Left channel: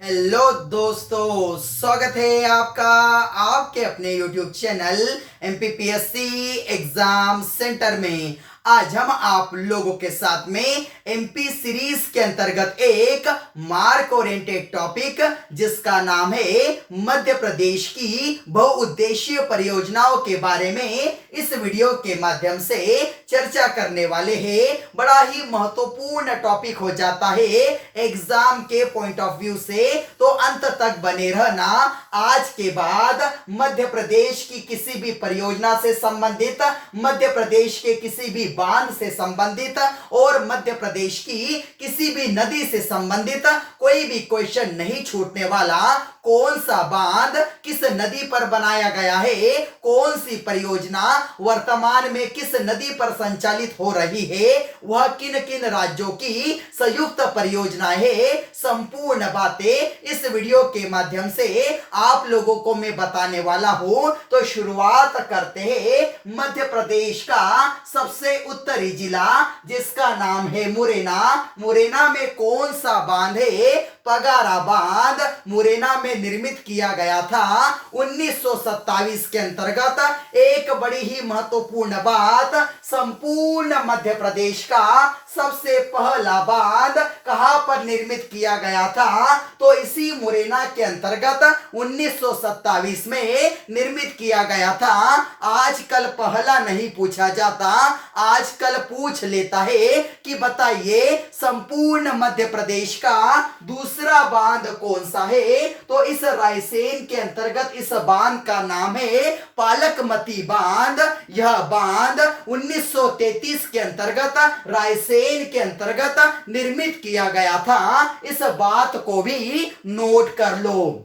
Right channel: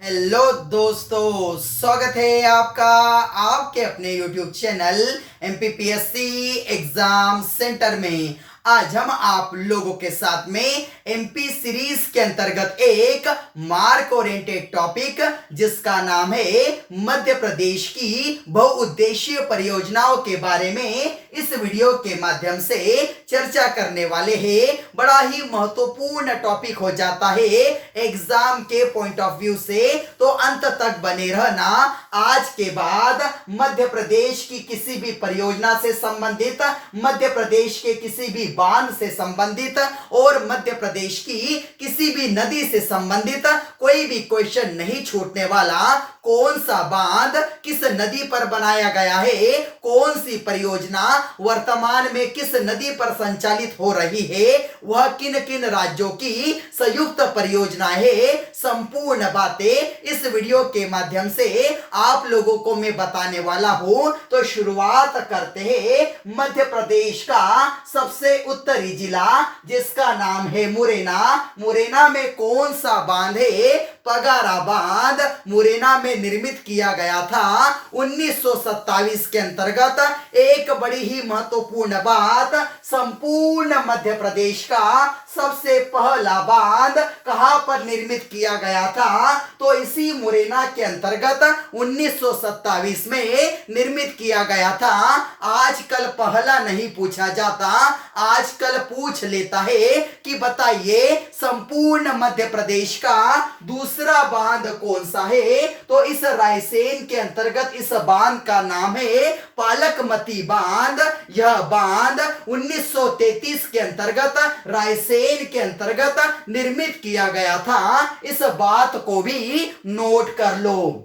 Hello दोस्तों, स्वागत है आपका आपके अपने YouTube channel MPPSC exam centre में। आज हम आप लोगों के साथ में MP सीरीज के अंतर्गत एक मार्क ओरिएंटेड टॉपिक जिसका नाम है मध्य प्रदेश की बहुउद्देशीय परियोजनाओं के बारे में इस वीडियो के माध्यम से चर्चा करने वाले हैं। बड़ा ही महत्वपूर्ण टॉपिक हो जाता है एग्जाम के पॉइंट ऑफ व्यू से, तो अंत तक बने रहना। आज के बाद मध्य प्रदेश की किसी भी परियोजना से संबंधित, मध्य प्रदेश के किसी भी बांध से संबंधित और मध्य प्रदेश की किसी भी नदी से संबंधित कोई भी क्वेश्चन नहीं छूटने वाला। कौन सा बांध किस नदी पर बनाया गया है, कौन सी परियोजना वर्तमान में किस नदी पर संचालित हो रही है, वह किन किन राज्यों की संयुक्त परियोजना है, संपूर्ण बातें इस वीडियो के माध्यम से आप लोगों को मैं बताने वाला हूं। तो शुरुआत करते हैं मध्य प्रदेश का सबसे उत्तरी जिला जिसका नाम है मुरैना। मुरैना में कौन सा बांध है? पगारा बांध मुरैना में निर्मित किया गया था 1927 के अंतर्गत। एक बड़ी ही महत्वपूर्ण बात, संपूर्ण मध्य प्रदेश का सबसे पहला बांध कहां पर निर्मित किया गया था? तो इसी मुरैना के अंतर्गत 1927 में निर्मित किया गया था। आजकल पहला नहीं पूछा जाता, आजकल पूछ लेता है कि बताइए संपूर्ण मध्य प्रदेश का दूसरा बांध कौन सा है? तो इस रायसेन के अंतर्गत इस बांध का नाम है पालकमती बांध। यह बांध 1933 के अंतर्गत रायसेन के अंतर्गत निर्मित किया गया था। इस बात को भी नोट कर लो।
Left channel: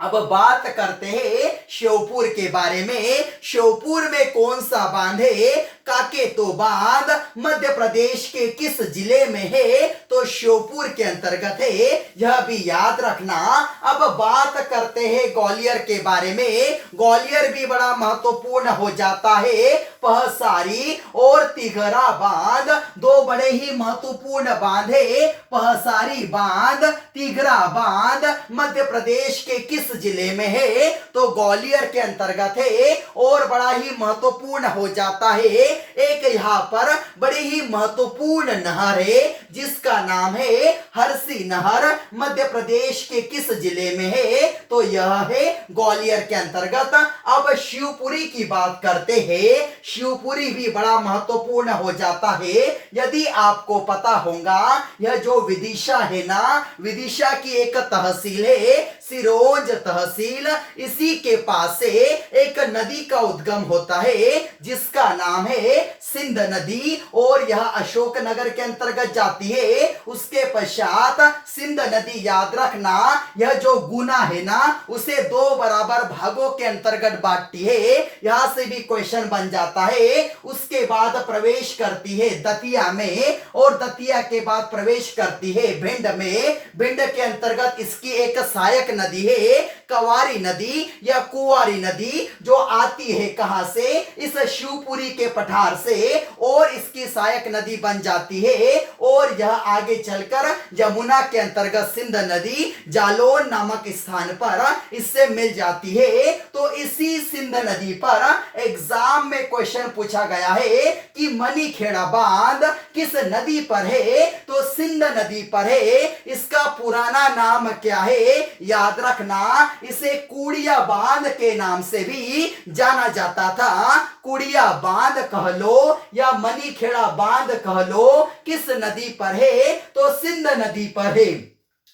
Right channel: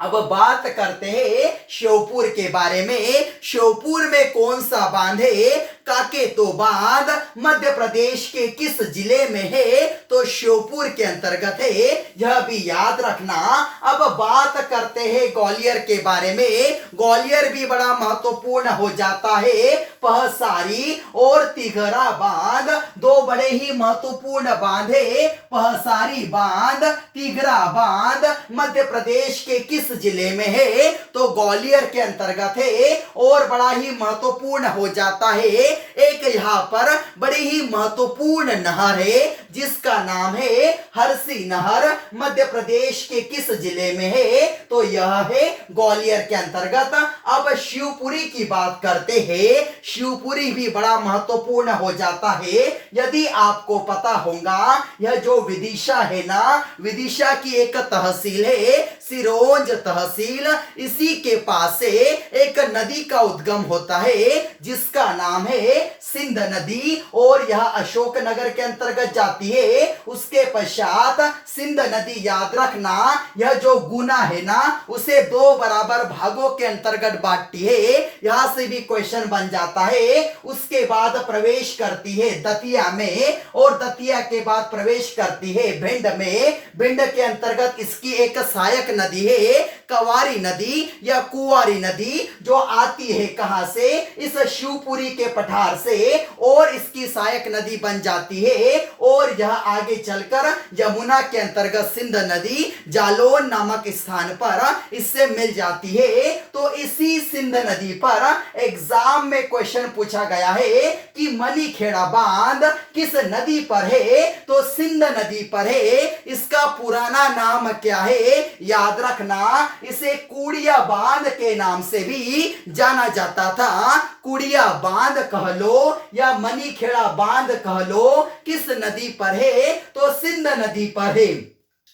अब बात करते हैं श्योपुर के बारे में। श्योपुर में कौन सा बांध है? काकेतो बांध मध्य प्रदेश के किस जिले में है? तो श्योपुर के अंतर्गत है, यह भी याद रखना। अब बात करते हैं ग्वालियर के बारे में। ग्वालियर भी बड़ा महत्वपूर्ण हो जाता है। पहसारी और तिघरा बांध दो बड़े ही महत्वपूर्ण बांध है। पहसारी बांध, तिघरा बांध मध्य प्रदेश के किस जिले में है? तो ग्वालियर के अंतर्गत है और बड़ा ही महत्वपूर्ण हो जाता है। एक यहाँ पर बड़ी ही महत्वपूर्ण नहर है जिसका नाम है हरसी नहर। मध्य प्रदेश के किस जिले में है? तो यह है ग्वालियर के अंतर्गत। अब शिवपुरी की बात करते हैं। शिवपुरी भी बड़ा महत्वपूर्ण हो जाता है। यदि आपको पता होगा, यह जो विदिशा है ना, विदिशा की एक तहसील है सिरोंज तहसील। इसी के पास से एक नदी का उद्गम होता है जिसका नाम है सिंध नदी और यह अशोकनगर के अंतर्गत जाती है। उसके पश्चात सिंध नदी याद रखना, यह जो गुना है ना, उसे दो बराबर भागों के अंतर्गत बांटती है। यहां से भी क्वेश्चन बन जाता है। उसके बाद प्रवेश करती है दतिया में और दतिया के बाद प्रवेश करती है भिंड में। भिंड के अंतर्गत इसकी एक सहायक नदी है कवारी नदी या कुंवारी नदी, जो आती है कहां से? इस शिवपुरी के पठार से और इसकी सहायक नदी बन जाती है और यह आगे चलकर यमुना के अंतर्गत सिंध नदी जालौन नामक स्थान पर इससे मिल जाती है। तो इसी सिंध नदी पर एग्जाम में क्वेश्चन पूछा गया है कि मनीखेड़ा बांध किस नदी पर है? तो सिंध नदी पर है। इसका पुराना नाम क्या है? याद रखना, इसे कुड़िया बांध के नाम से भी जाना जाता था। कुड़िया बांध कह लो या मनीखेड़ा बांध कह लो, किस नदी पर है? तो सिंध नदी पर है।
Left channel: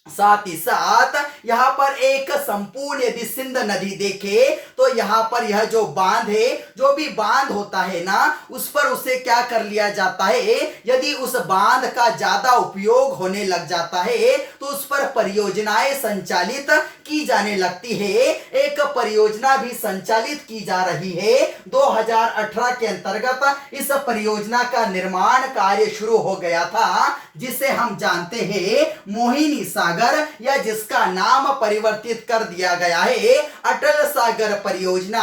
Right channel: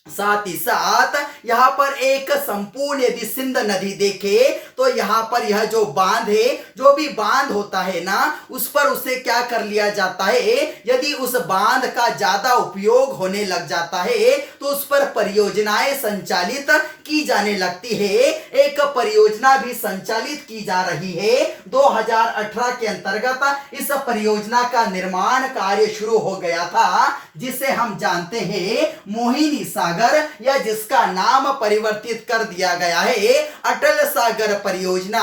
साथ ही साथ यहां पर एक संपूर्ण यदि सिंध नदी देखे तो यहां पर यह जो बांध है, जो भी बांध होता है ना, उस पर उसे क्या कर लिया जाता है? यदि उस बांध का ज्यादा उपयोग होने लग जाता है तो उस पर परियोजनाएं संचालित की जाने लगती है। एक परियोजना भी संचालित की जा रही है 2018 के अंतर्गत। इस परियोजना का निर्माण कार्य शुरू हो गया था जिसे हम जानते हैं मोहिनी सागर, या जिसका नाम नाम परिवर्तित कर दिया गया है। अटल सागर परियोजना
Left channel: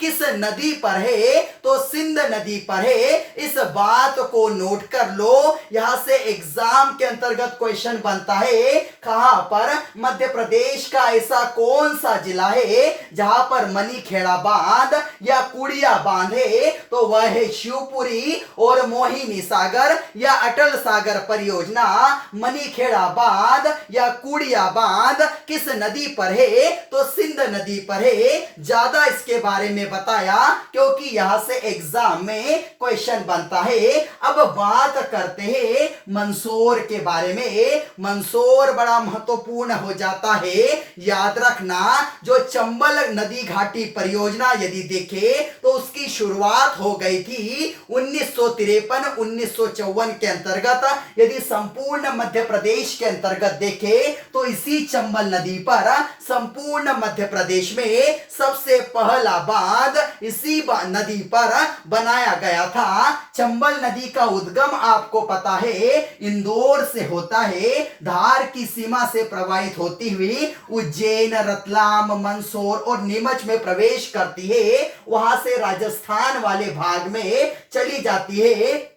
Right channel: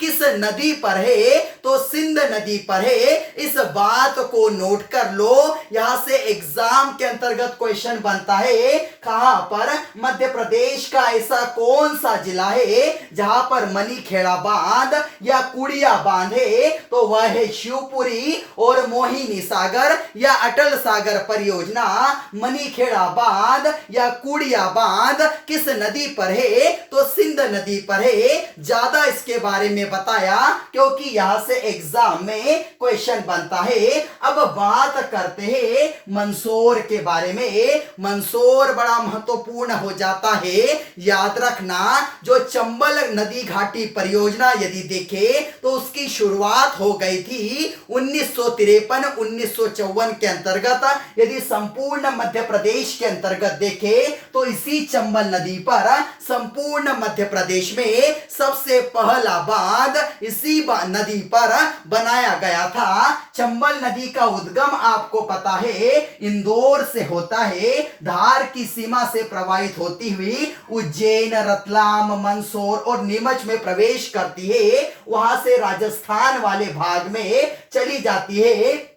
किस नदी पर है? तो सिंध नदी पर है। इस बात को नोट कर लो, यहां से एग्जाम के अंतर्गत क्वेश्चन बनता है। कहां पर? मध्य प्रदेश का ऐसा कौन सा जिला है जहां पर मनीखेड़ा बांध या कुड़िया बांध है? तो वह है शिवपुरी। और मोहिनी सागर या अटल सागर परियोजना, मनीखेड़ा बांध या कुड़िया बांध किस नदी पर है? तो सिंध नदी पर है। ज्यादा इसके बारे में बताया क्योंकि यहां से एग्जाम में क्वेश्चन बनता है। अब बात करते हैं मंदसौर के बारे में। मंदसौर बड़ा महत्वपूर्ण हो जाता है। याद रखना, जो चंबल नदी घाटी परियोजना यदि देखे तो उसकी शुरुआत हो गई थी 1953-1954 के अंतर्गत। यदि संपूर्ण मध्य प्रदेश के अंतर्गत देखे तो इसी चंबल नदी पर संपूर्ण मध्य प्रदेश में सबसे पहला बांध इसी नदी पर बनाया गया था। चंबल नदी का उद्गम आपको पता है इंदौर से होता है, धार की सीमा से प्रवाहित होती हुई उज्जैन, रतलाम, मंदसौर और नीमच में प्रवेश करती है। वहां से राजस्थान वाले भाग में चली जाती है।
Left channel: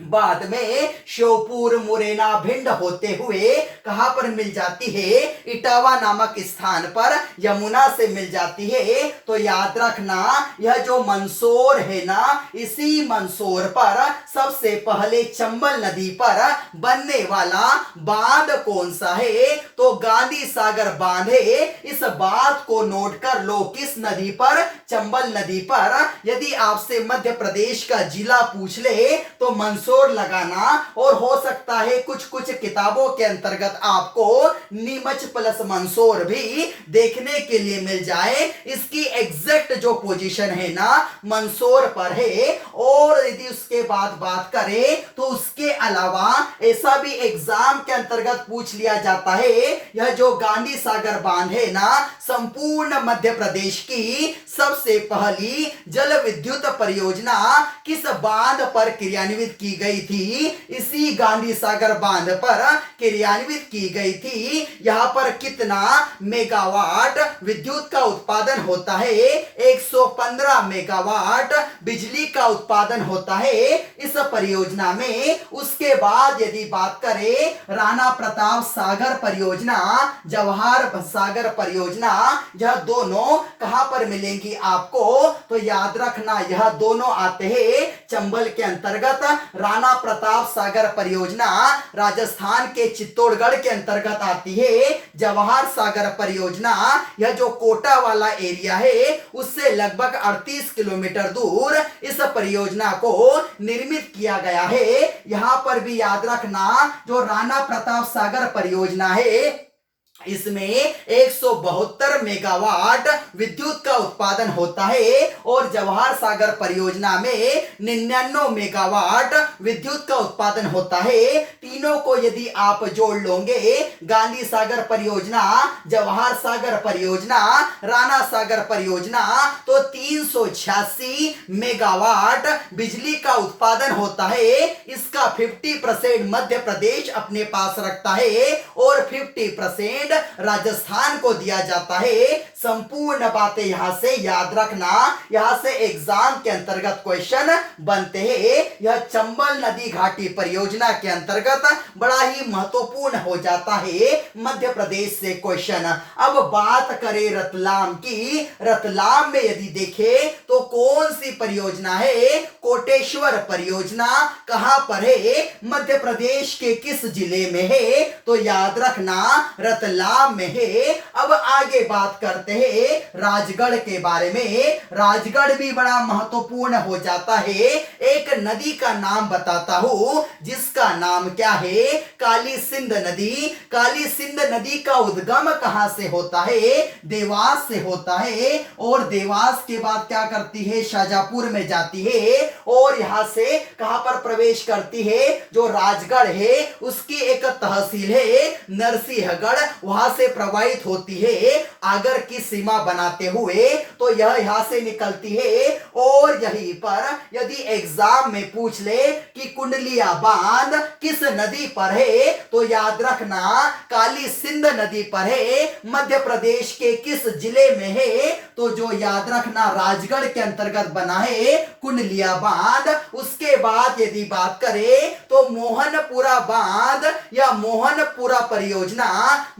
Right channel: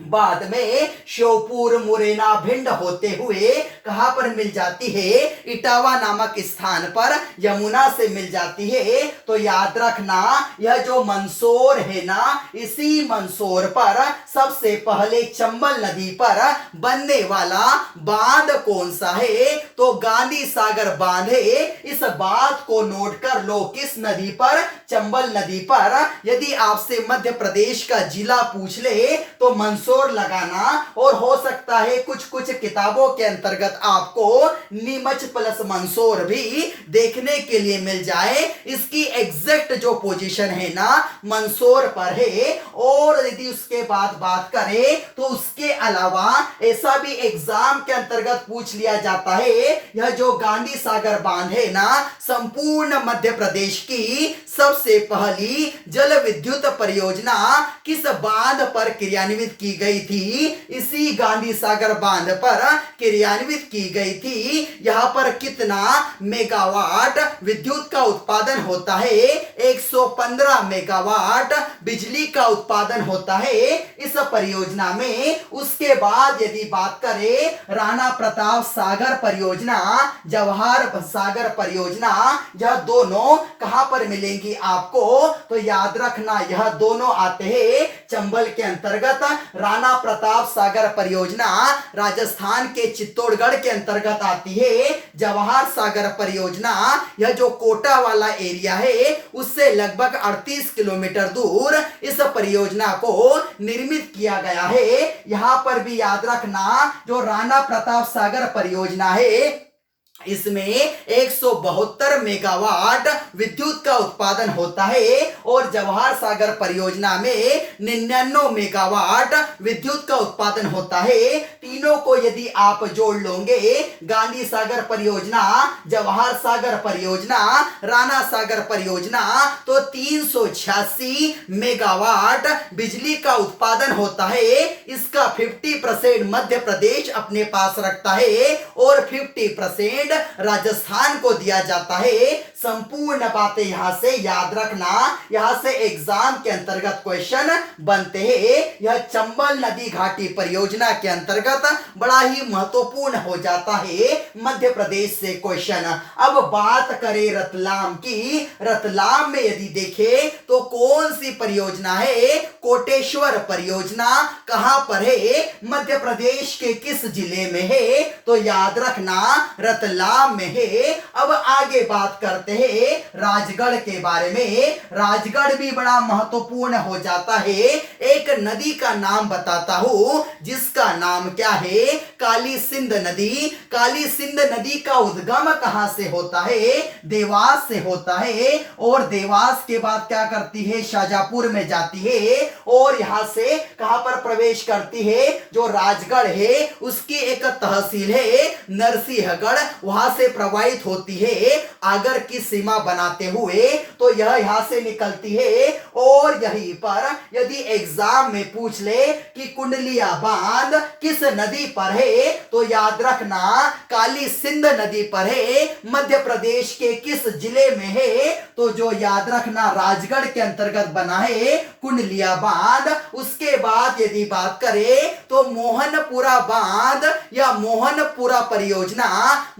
बाद में श्योपुर, मुरैना, भिंड होते हुए कहां पर मिल जाती है? इटावा नामक स्थान पर यमुना से मिल जाती है। तो याद रखना, यह जो मंदसौर है ना, इसी मंदसौर पर सबसे पहले चंबल नदी पर बनने वाला बांध कौन सा है? तो गांधी सागर बांध है। इस बात को नोट कर लो, किस नदी पर? चंबल नदी पर। यदि आपसे मध्य प्रदेश का जिला पूछ ले तो मंदसौर लगाना, और हो सकता है कुछ कुछ किताबों के अंतर्गत आपको नीमच प्लस मंदसौर भी देखने के लिए मिल जाए। इसकी एग्जैक्ट जो पोजीशन है ना, मंदसौर पर है। और यदि उसके बाद बात करें तो उसके अलावा ऐसा भी एग्जाम के अंतर्गत पूछ लिया जाता है, यह जो गांधी सागर बांध है ना, संपूर्ण मध्य प्रदेश की सबसे पहली जल विद्युत परियोजना किस बांध पर क्रियान्वित की गई थी? इसी गांधी सागर बांध पर क्रियान्वित की गई थी। यहां पर कितना मेगावाट विद्युत का उत्पादन होता है? 115 मेगावाट बिजली का उत्पादन होता है इस परियोजना में। उसके बाद यदि बात करें राणा प्रताप सागर परियोजना, जवाहर सागर परियोजना, यह दोनों कहां पर मिलेंगी आपको? तो याद रखना, यह दोनों आते हैं चंबल के अंतर्गत। राणा प्रताप सागर परियोजना राजस्थान के चित्तौड़गढ़ के अंतर्गत आती है। जवाहर सागर परियोजना, यह जो कोटा वाला एरिया है उससे लगभग 38 किलोमीटर दूर इस परियोजना को निर्मित किया गया है। यहां पर भी याद रखना, जो राणा प्रताप सागर परियोजना है इसमें 172 मेगावाट विद्युत का उत्पादन होता है, और जवाहर सागर परियोजना में 99 मेगावाट विद्युत का उत्पादन होता है। तीनों को यदि आप जोड़ लोगे, गांधी सागर परियोजना, जवाहर सागर परियोजना, राणा सागर परियोजना, तो 386 मेगावाट बिजली का उत्पादन होता है। इसका 50% मध्य प्रदेश अपने पास रखता है और 50% राजस्थान को दिया जाता है। संपूर्ण बातें यहां से याद रखना, यहां से एग्जाम के अंतर्गत क्वेश्चन बनते हैं। यह चंबल नदी घाटी परियोजना के अंतर्गत बड़ा ही महत्वपूर्ण हो जाता है मध्य प्रदेश से क्वेश्चन। अब बात करें रतलाम की। रतलाम में यदि देखें तो कौन सी परियोजना है? कोटेश्वर परियोजना कहां पर है? मध्य प्रदेश के किस जिले में है? तो याद रखना, रतलाम में है। अब आगे बात करते हैं राजगढ़ के बारे में। राजगढ़ भी बड़ा महत्वपूर्ण हो जाता है। एक नदी का नाम बताता हूं जिसका नाम क्या है? काली सिंध नदी। काली सिंध नदी का उद्गम कहां से होता है? देवास से होता है, और देवास के बाद क्या करती है? शाजापुर में जाती है, और यहां से कहां पर प्रवेश करती है? जो राजगढ़ है उसकी एक तहसील है नरसिंहगढ़, वहां से प्रवाहित होती है। अगर किसी सीमा बनाते हुए, तो यह यहां से निकलती है। और यहीं पर यदि एग्जाम में पूछ ले कि कुंडलिया बांध किस नदी पर है, तो याद रखना काली सिंध नदी पर है। मध्य प्रदेश के किस जिले में है, तो जो याद रखना राजगढ़ के अंतर्गत बना है कुंडलिया बांध। उसके बाद यदि बात करें तो मोहनपुरा बांध या मोहनपुरा परियोजना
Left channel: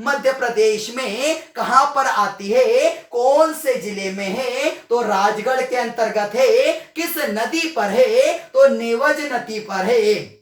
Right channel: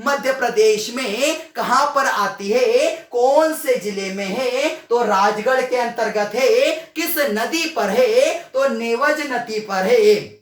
मध्य प्रदेश में कहां पर आती है, कौन से जिले में है, तो राजगढ़ के अंतर्गत है। किस नदी पर है, तो नेवज नदी पर है।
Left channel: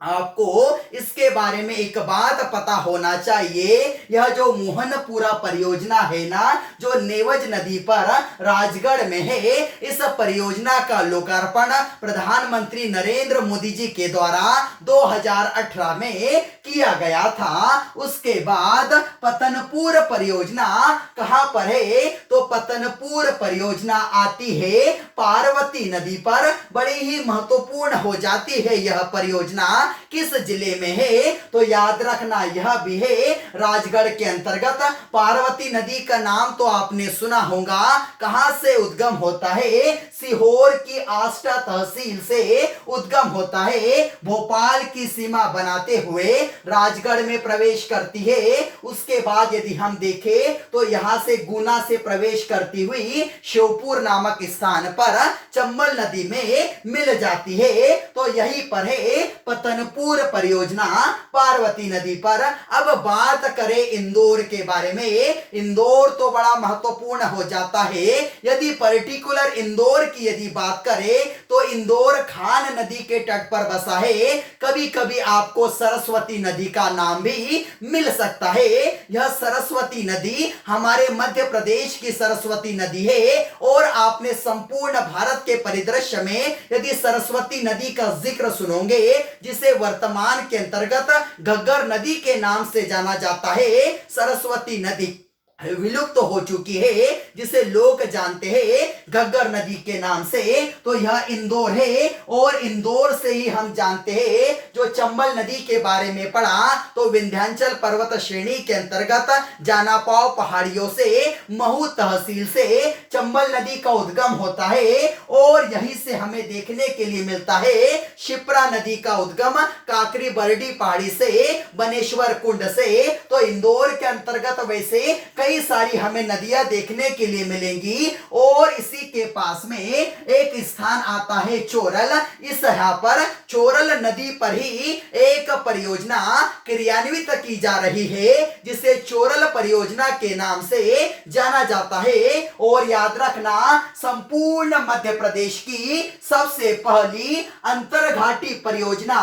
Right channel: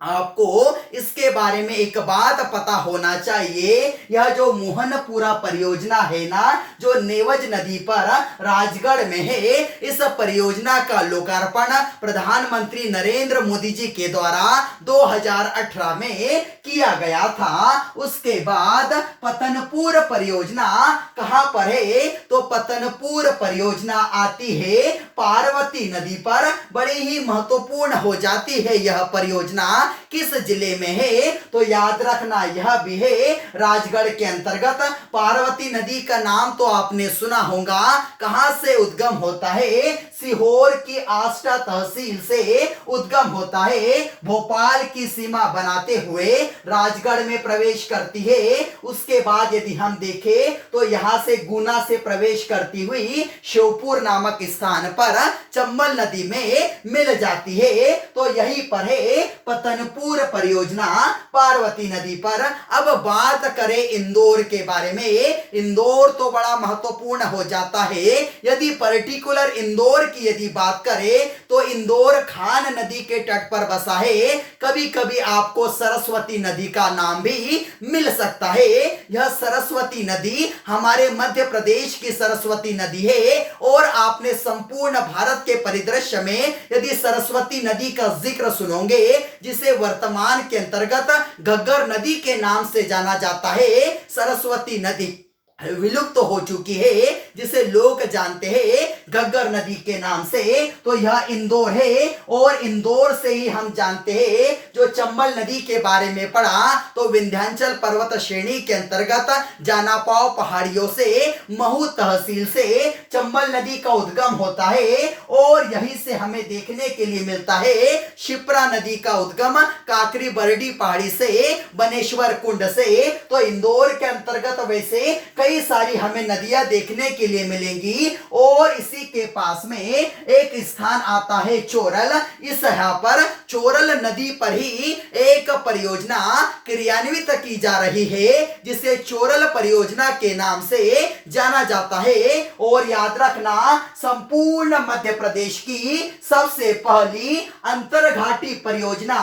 आपको इसके बारे में एक बात पता होना चाहिए, यह जो मोहनपुरा परियोजना है ना, जो नेवज नदी पर राजगढ़ में है, इस परियोजना का लोकार्पण प्रधानमंत्री नरेंद्र मोदी जी के द्वारा 2018 में किया गया था। उसके बाद पतनपुर परियोजना कहां पर है, तो पतनपुर परियोजना आती है पार्वती नदी पर। बड़ी ही महत्वपूर्ण हो जाती है यह परियोजना। किस जिले में है, तो याद रखना यह भी है राजगढ़ के अंतर्गत। पार्वती नदी का नाम तो आपने सुना होगा, कहां से उद्गम होता है, सीहोर की आष्टा तहसील से उद्गम होता है। भोपाल की सीमा बनाते हुए राजगढ़ में प्रवेश करती है। उसके बाद यदि हम देखें तो यहां से गुना से प्रवेश करती हुई श्योपुर नामक स्थान पर चंबल नदी में मिल जाती है। तो यही पर है पतनपुर परियोजना पार्वती नदी पर। अब बात करें इंदौर के बारे में, इंदौर तो बड़ा महत्वपूर्ण हो जाता है। यदि पर्टिकुलर इंदौर की यदि बात करें तो इंदौर खान नदी के तट पर बसा है। कभी कभी आपको सरस्वती नदी का नाम भी मिल सकता है। यह सरस्वती नदी हमारे मध्य प्रदेश की सरस्वती नदी है। और आपने संपूर्ण भारत के परिदृश्य में यदि सरस्वती नदी का जिक्र सुनोगे, जिसे वर्तमान के अंतर्गत घग्गर नदी के नाम से जाना जाता है, सरस्वती नदी विलुप्त तो हो चुकी है, जिसे लोग जानते हैं घग्गर नदी के नाम से, तो यह इंदौर है। और इंदौर से ही हम जानते हैं जो चंबल नदी के बारे में पढ़ा, तो विंध्याचल पर्वत श्रेणी के अंतर्गत जानापाव पहाड़ियों से महू तहसील से चंबल नदी का उद्गम होता है। और यहीं से हमें देखने के लिए मिलता है शिप्रा नदी का उद्गम काकरी बरडी पहाड़ी से, बनेश्वर कुंड से। तो इंदौर के अंतर्गत वैसे कई सारी हमें नदियां देखने के लिए मिलेंगी। और इसी के पास में एक स्थान आता है चोरल। इस यहाँ पर चोरल नदी पर ही एक परियोजना क्रियान्वित की जा रही है, जिसे चोरल परियोजना के नाम से जाना जाता है। और याद रखना संपूर्ण मध्य प्रदेश की सबसे पहली अंतरघाटी परियोजना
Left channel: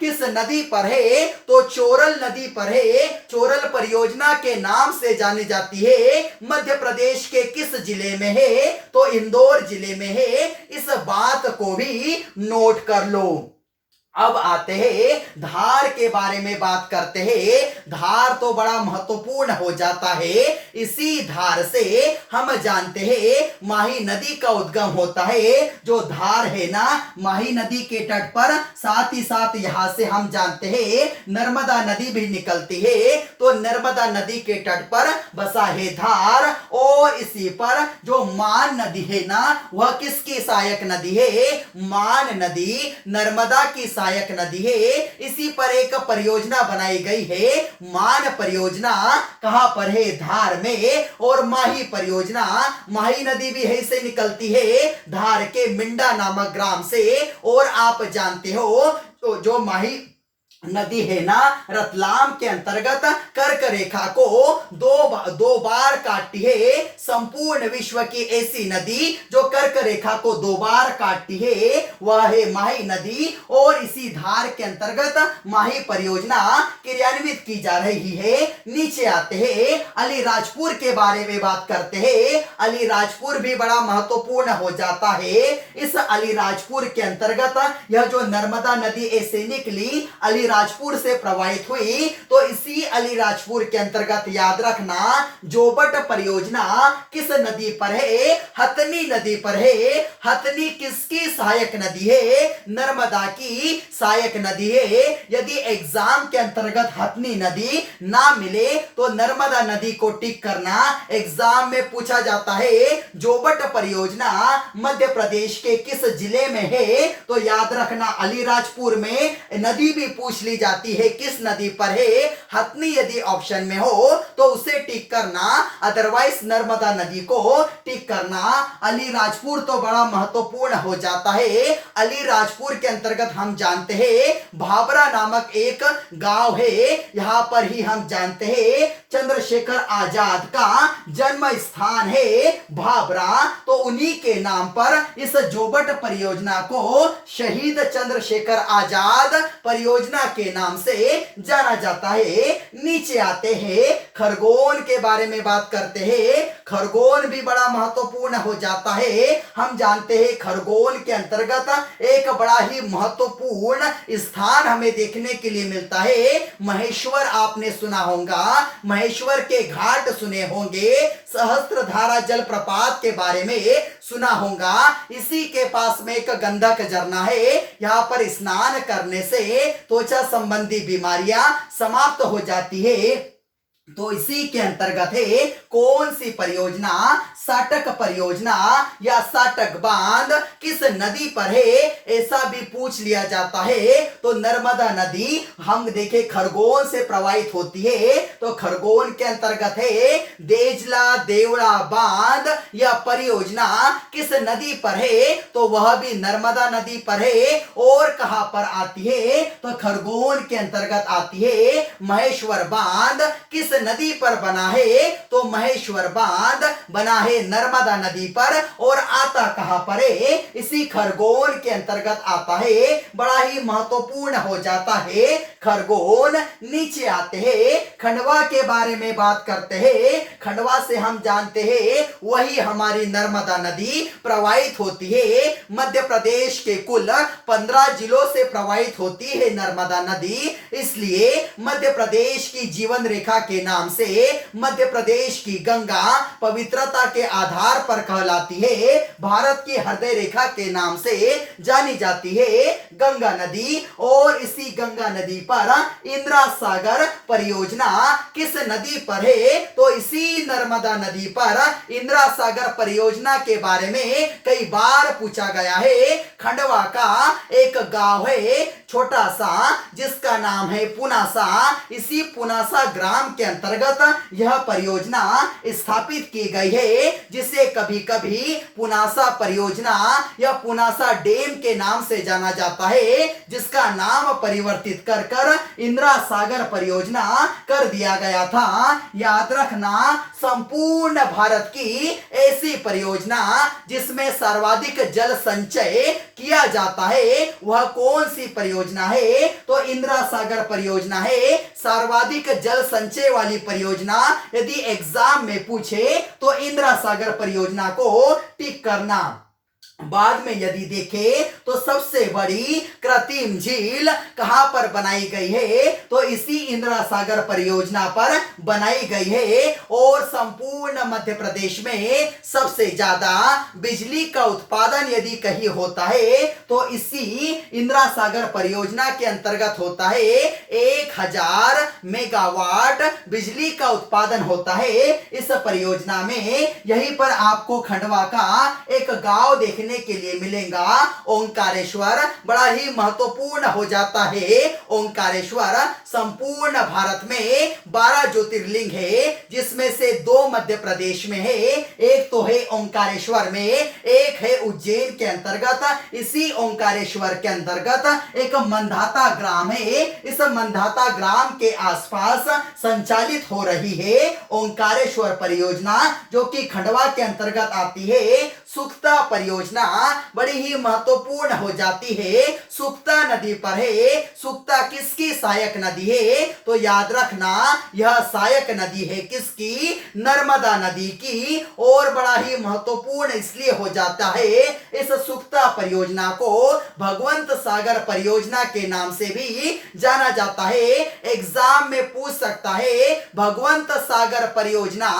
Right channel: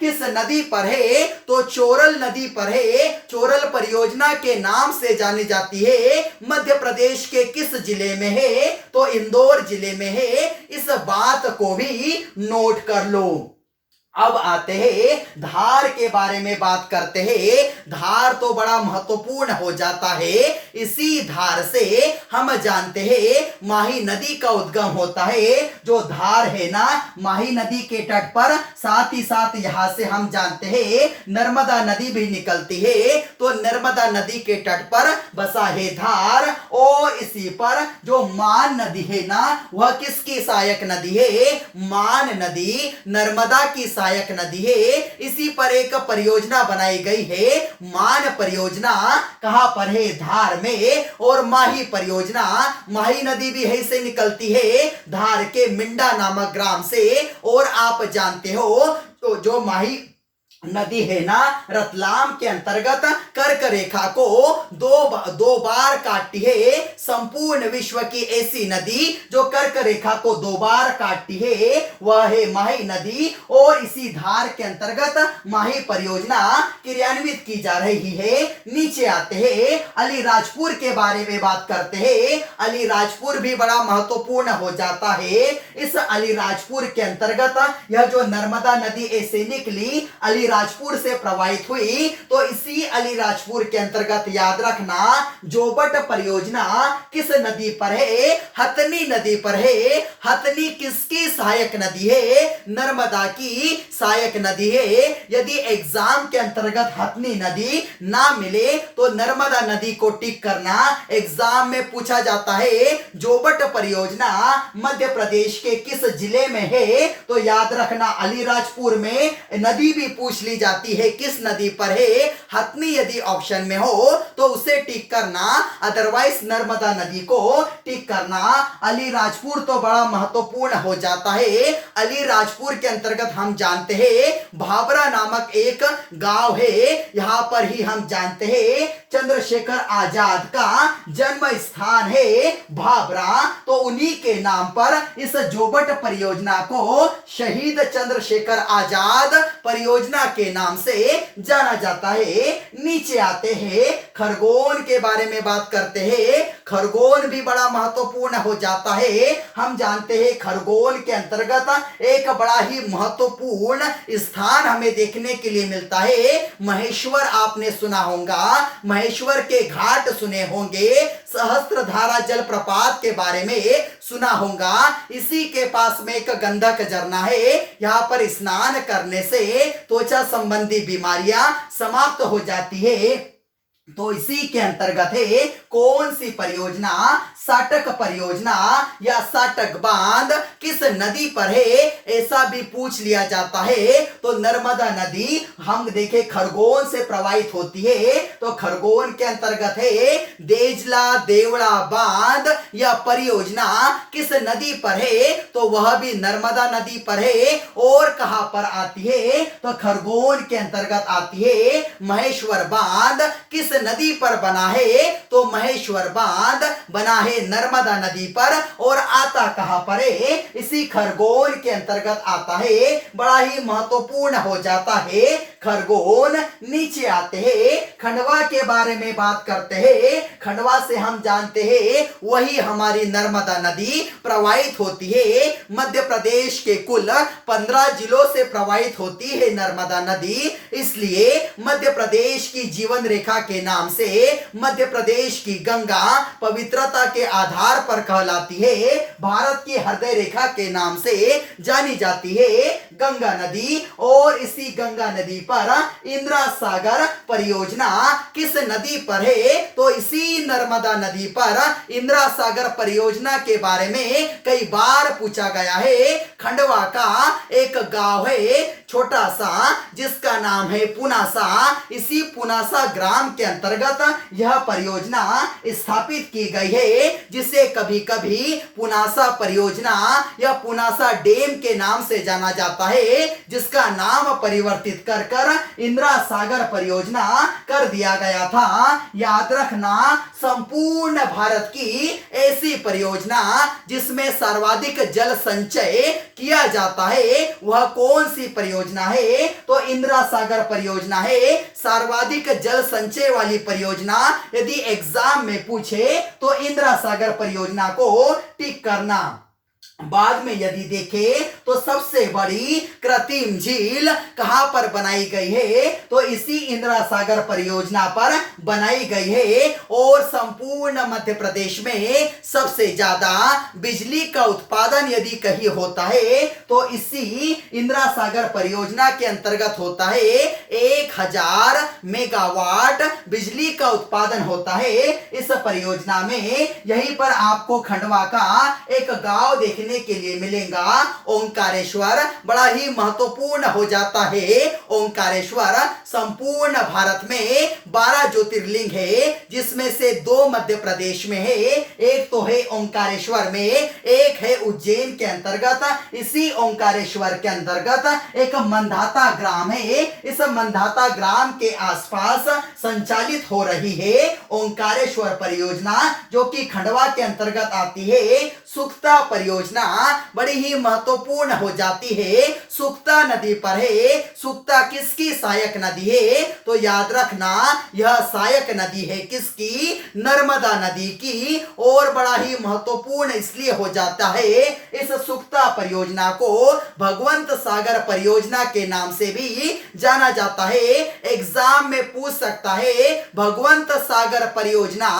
किस नदी पर है, तो चोरल नदी पर है। चोरल परियोजना के नाम से जानी जाती है। मध्य प्रदेश के किस जिले में है, तो इंदौर जिले में है। इस बात को भी नोट कर लो। अब आते हैं धार के बारे में बात करते हैं। धार तो बड़ा महत्वपूर्ण हो जाता है। इसी धार से हम जानते हैं माही नदी का उद्गम होता है। जो धार है ना, माही नदी के तट पर, साथ ही साथ यहां से हम जानते हैं नर्मदा नदी भी निकलती है। तो नर्मदा नदी के तट पर बसा है धार। और इसी पर जो मान नदी है ना, वह किसकी सहायक नदी है, मान नदी नर्मदा की सहायक नदी है। इसी पर एक परियोजना बनाई गई है, मान परियोजना। कहां पर है, धार में। और माही परियोजना, माही नदी भी यहीं से निकलती है, धार के मिंडा नामक ग्राम से। और आप जानते हो तो जो माही नदी है ना, रतलाम के अंतर्गत कर्क रेखा को दो बार काटती है। संपूर्ण विश्व की ऐसी नदी जो कर्क रेखा को 2 बार काटती है, वह है माही नदी। और इसी धार के अंतर्गत माही परियोजना क्रियान्वित की जा रही है। नीचे आते हैं अलीराजपुर के बारे में बात करते हैं। अलीराजपुर भी बड़ा महत्वपूर्ण हो जाता है। इस अलीराजपुर के अंतर्गत यह जो नर्मदा नदी ऐसे निकली, अलीराजपुर अलीराजपुर से प्रवाहित हुई। तो इसी अलीराजपुर के अंतर्गत याद रखना जोबट परियोजना किस नदी पर है? हथनी नदी पर है। हथनी किसकी सहायक नदी है? नर्मदा की सहायक नदी है। यदि एग्जाम के अंतर्गत हथनी नदी ना मिले तो नर्मदा नदी को टिक करना। एग्जाम में पूछा जाता है जोबट परियोजना मध्य प्रदेश के किस जिले में है? तो याद रखना अलीराजपुर में। नदी भी पूछ ली जाती है किस नदी पर है? हथनी यदि ऑप्शन में हो तो उसे टिक करना, अदरवाइज नर्मदा नदी को टिक करना। अलीराजपुर तो बड़ा महत्वपूर्ण हो जाता है। अलीराजपुर के अंतर्गत हम जानते हैं भाबरा नामक एक गांव है। यहां पर ही हम जानते हैं चंद्रशेखर आजाद का जन्म स्थान है भाबरा। तो उन्हीं के नाम पर इस जोबट परियोजना को शहीद चंद्रशेखर आजाद परियोजना के नाम से जाना जाता है। नीचे आते हैं खरगोन के बारे में बात करते हैं। खरगोन भी बड़ा महत्वपूर्ण हो जाता है। हम जानते हैं खरगोन के अंतर्गत एक बड़ा ही महत्वपूर्ण स्थान हमें देखने के लिए मिलता है महेश्वर। आपने सुना होगा, महेश्वर के घाट सुने होंगे, सहस्त्रधारा जलप्रपात के बारे में सुना होगा। इसी के पास में एक गंधक झरना है। यहाँ पर स्नान करने से त्वचा संबंधी बीमारियां समाप्त हो जाती है। तो इसी के अंतर्गत है कौन सी परियोजना? साटक परियोजना या साटक बांध किस नदी पर है? ऐसा भी पूछ लिया जाता है। तो नर्मदा नदी हम देखें खरगोन से प्रवाहित होती है। तो खरगोन के अंतर्गत है देजला देवड़ा बांध या परियोजना किस नदी पर है? तो वह भी नर्मदा नदी पर है। और कहां पर आती है? तो खरगोन के अंतर्गत आती है महेश्वर बांध किस नदी पर बना है? तो महेश्वर बांध बना है नर्मदा नदी पर। और आता कहां पर है? इसी खरगोन के अंतर्गत आता है। बड़ा ही महत्वपूर्ण हो जाता है खरगोन। नीचे आते हैं खंडवा के बारे में बात करते हैं। खंडवा से हम जानते हैं वही हमारी नर्मदा नदी प्रवाहित होती है। मध्य प्रदेश के कुल 15 जिलों से प्रवाहित होती है नर्मदा नदी। इसलिए मध्य प्रदेश की जीवन रेखा के नाम से मध्य प्रदेश की गंगा पवित्रता के आधार पर कहलाती है। भारत की हृदय रेखा के नाम से जानी जाती है गंगा नदी। और इसी गंगा नदी पर इंदिरा सागर परियोजना किस नदी पर है? तो इसी नर्मदा नदी पर इंदिरा सागर परियोजना के बारे में कई बार पूछा गया है। खंडवा का एक गांव है छोटा सा जिसका नाम है पुनासा। इसी पुनासा ग्राम के अंतर्गत यह परियोजना स्थापित की गई है, जिसे कभी कभी पुनासा परियोजना या पुनासा डैम के नाम से जाना जाता है, जिसका नाम परिवर्तित कर इंदिरा सागर परियोजना कर दिया गया था। याद रखना संपूर्ण भारत की ऐसी परियोजना जिसमें सर्वाधिक जल संचय किया जाता है वह कौन सी परियोजना है? तो इंदिरा सागर परियोजना है सर्वाधिक जल संचय वाली परियोजना। यदि एग्जाम में पूछे तो इंदिरा सागर परियोजना को टिक करना। बाद में यदि देखें तो सबसे बड़ी कृत्रिम झील कहां पर बनाई गई है? तो इसी इंदिरा सागर परियोजना पर बनाई गई है। और संपूर्ण मध्य प्रदेश में सबसे ज्यादा बिजली का उत्पादन यदि कहीं होता है तो इसी इंदिरा सागर परियोजना के अंतर्गत होता है। 1000 मेगावाट बिजली का उत्पादन होता है इस परियोजना में। यहीं पर आपको खंडवा का एक गांव देखने के लिए मिलेगा ओंकारेश्वर। बड़ा ही महत्वपूर्ण हो जाता है ओंकारेश्वर। संपूर्ण भारत में 12 ज्योतिर्लिंग है, जिसमें से 2 मध्य प्रदेश में है। एक तो है ओंकारेश्वर में, एक है उज्जैन के अंतर्गत। इसी ओंकारेश्वर के अंतर्गत एक मंधाता ग्राम है। इस मंधाता ग्राम के आसपास संचालित हो रही है ओंकारेश्वर परियोजना, जो कि खंडवा के अंतर्गत आती है। सुक्ता परियोजना परियोजना बड़ी ही महत्वपूर्ण हो जाती है, सुक्ता नदी पर है। सुक्ता किसकी सहायक नदी है? तो याद रखना यह सहायक नदी है किसकी? नर्मदा नदी की। और बड़ा ही महत्वपूर्ण इसलिए हो जाता है, इस सुक्ता परियोजना को भगवंत सागर परियोजना के नाम से भी जाना जाता है। एग्जाम में पूछ सकता है भगवंत सागर परियोजना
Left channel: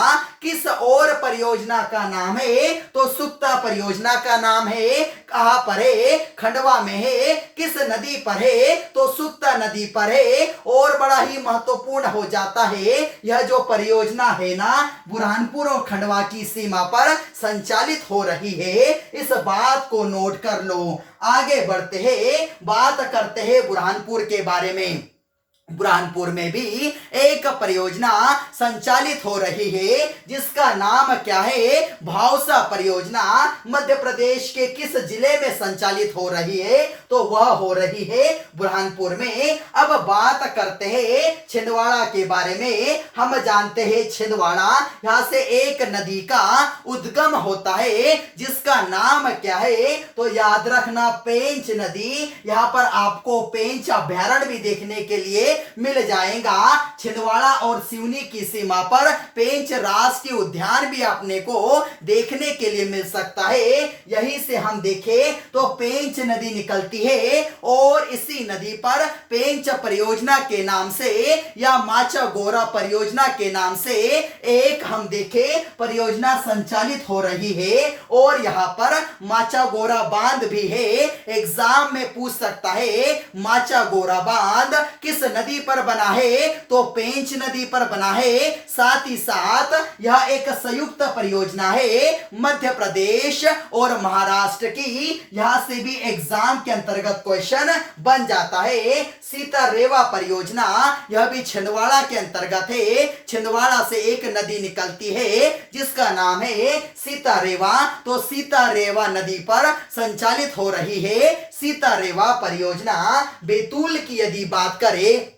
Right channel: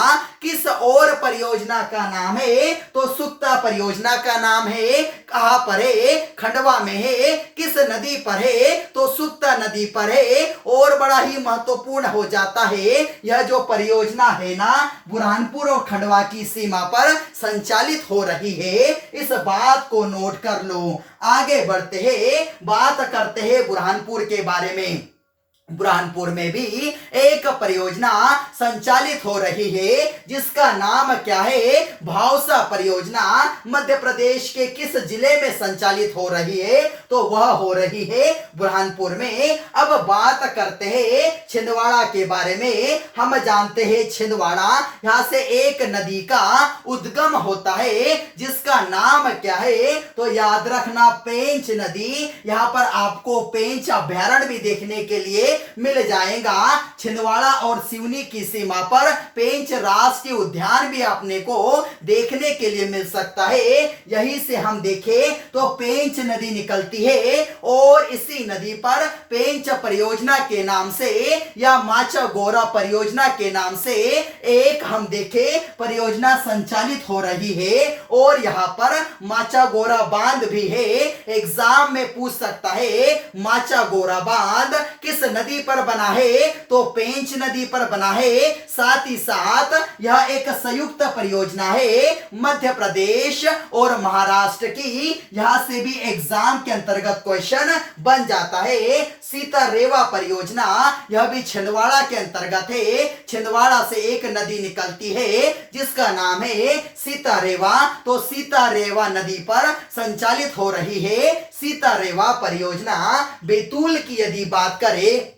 किस और परियोजना का नाम है? तो सुक्ता परियोजना का नाम है। कहां पर है? खंडवा में है। किस नदी पर है? तो सुक्ता नदी पर है। और बड़ा ही महत्वपूर्ण हो जाता है, यह जो परियोजना है ना, बुरहानपुर और खंडवा की सीमा पर संचालित हो रही है। इस बात को नोट कर लो। आगे बढ़ते हैं, बात करते हैं बुरहानपुर के बारे में। बुरहानपुर में भी एक परियोजना संचालित हो रही है जिसका नाम क्या है? भावसा परियोजना। मध्य प्रदेश के किस जिले में संचालित हो रही है? तो वह हो रही है बुरहानपुर में। अब बात करते हैं छिंदवाड़ा के बारे में। हम जानते हैं छिंदवाड़ा, यहां से एक नदी का उद्गम होता है जिसका नाम क्या है? तो याद रखना पेंच नदी। यहां पर आपको पेंच अभ्यारण्य भी देखने के लिए मिल जाएगा। छिंदवाड़ा और सिवनी की सीमा पर पेंच राष्ट्रीय उद्यान भी अपने को देखने के लिए मिल सकता है। यहीं से हम देखें तो पेंच नदी निकलती है और इसी नदी पर पेंच परियोजना के नाम से या माचा गोरा परियोजना के नाम से एक हम देखें परियोजना संचालित हो रही है। और यहाँ पर माचा गोरा बांध भी है। एग्जाम में पूछ सकता है माचा गोरा बांध किस नदी पर बना है? तो पेंच नदी पर बना है। साथ ही साथ यह एक संयुक्त परियोजना है मध्य प्रदेश और महाराष्ट्र की। यहां से भी एग्जाम के अंतर्गत क्वेश्चन बन जाता है। सीता रेवा परियोजना, यह भी छिंदवाड़ा के अंतर्गत है। छिंदवाड़ा से एक नदी निकलती है जिसका नाम है सीता रेवा। तो सीता रेवा नदी पर संचालित हो रही है सीता रेवा परियोजना। बैतूल की यदि बात करें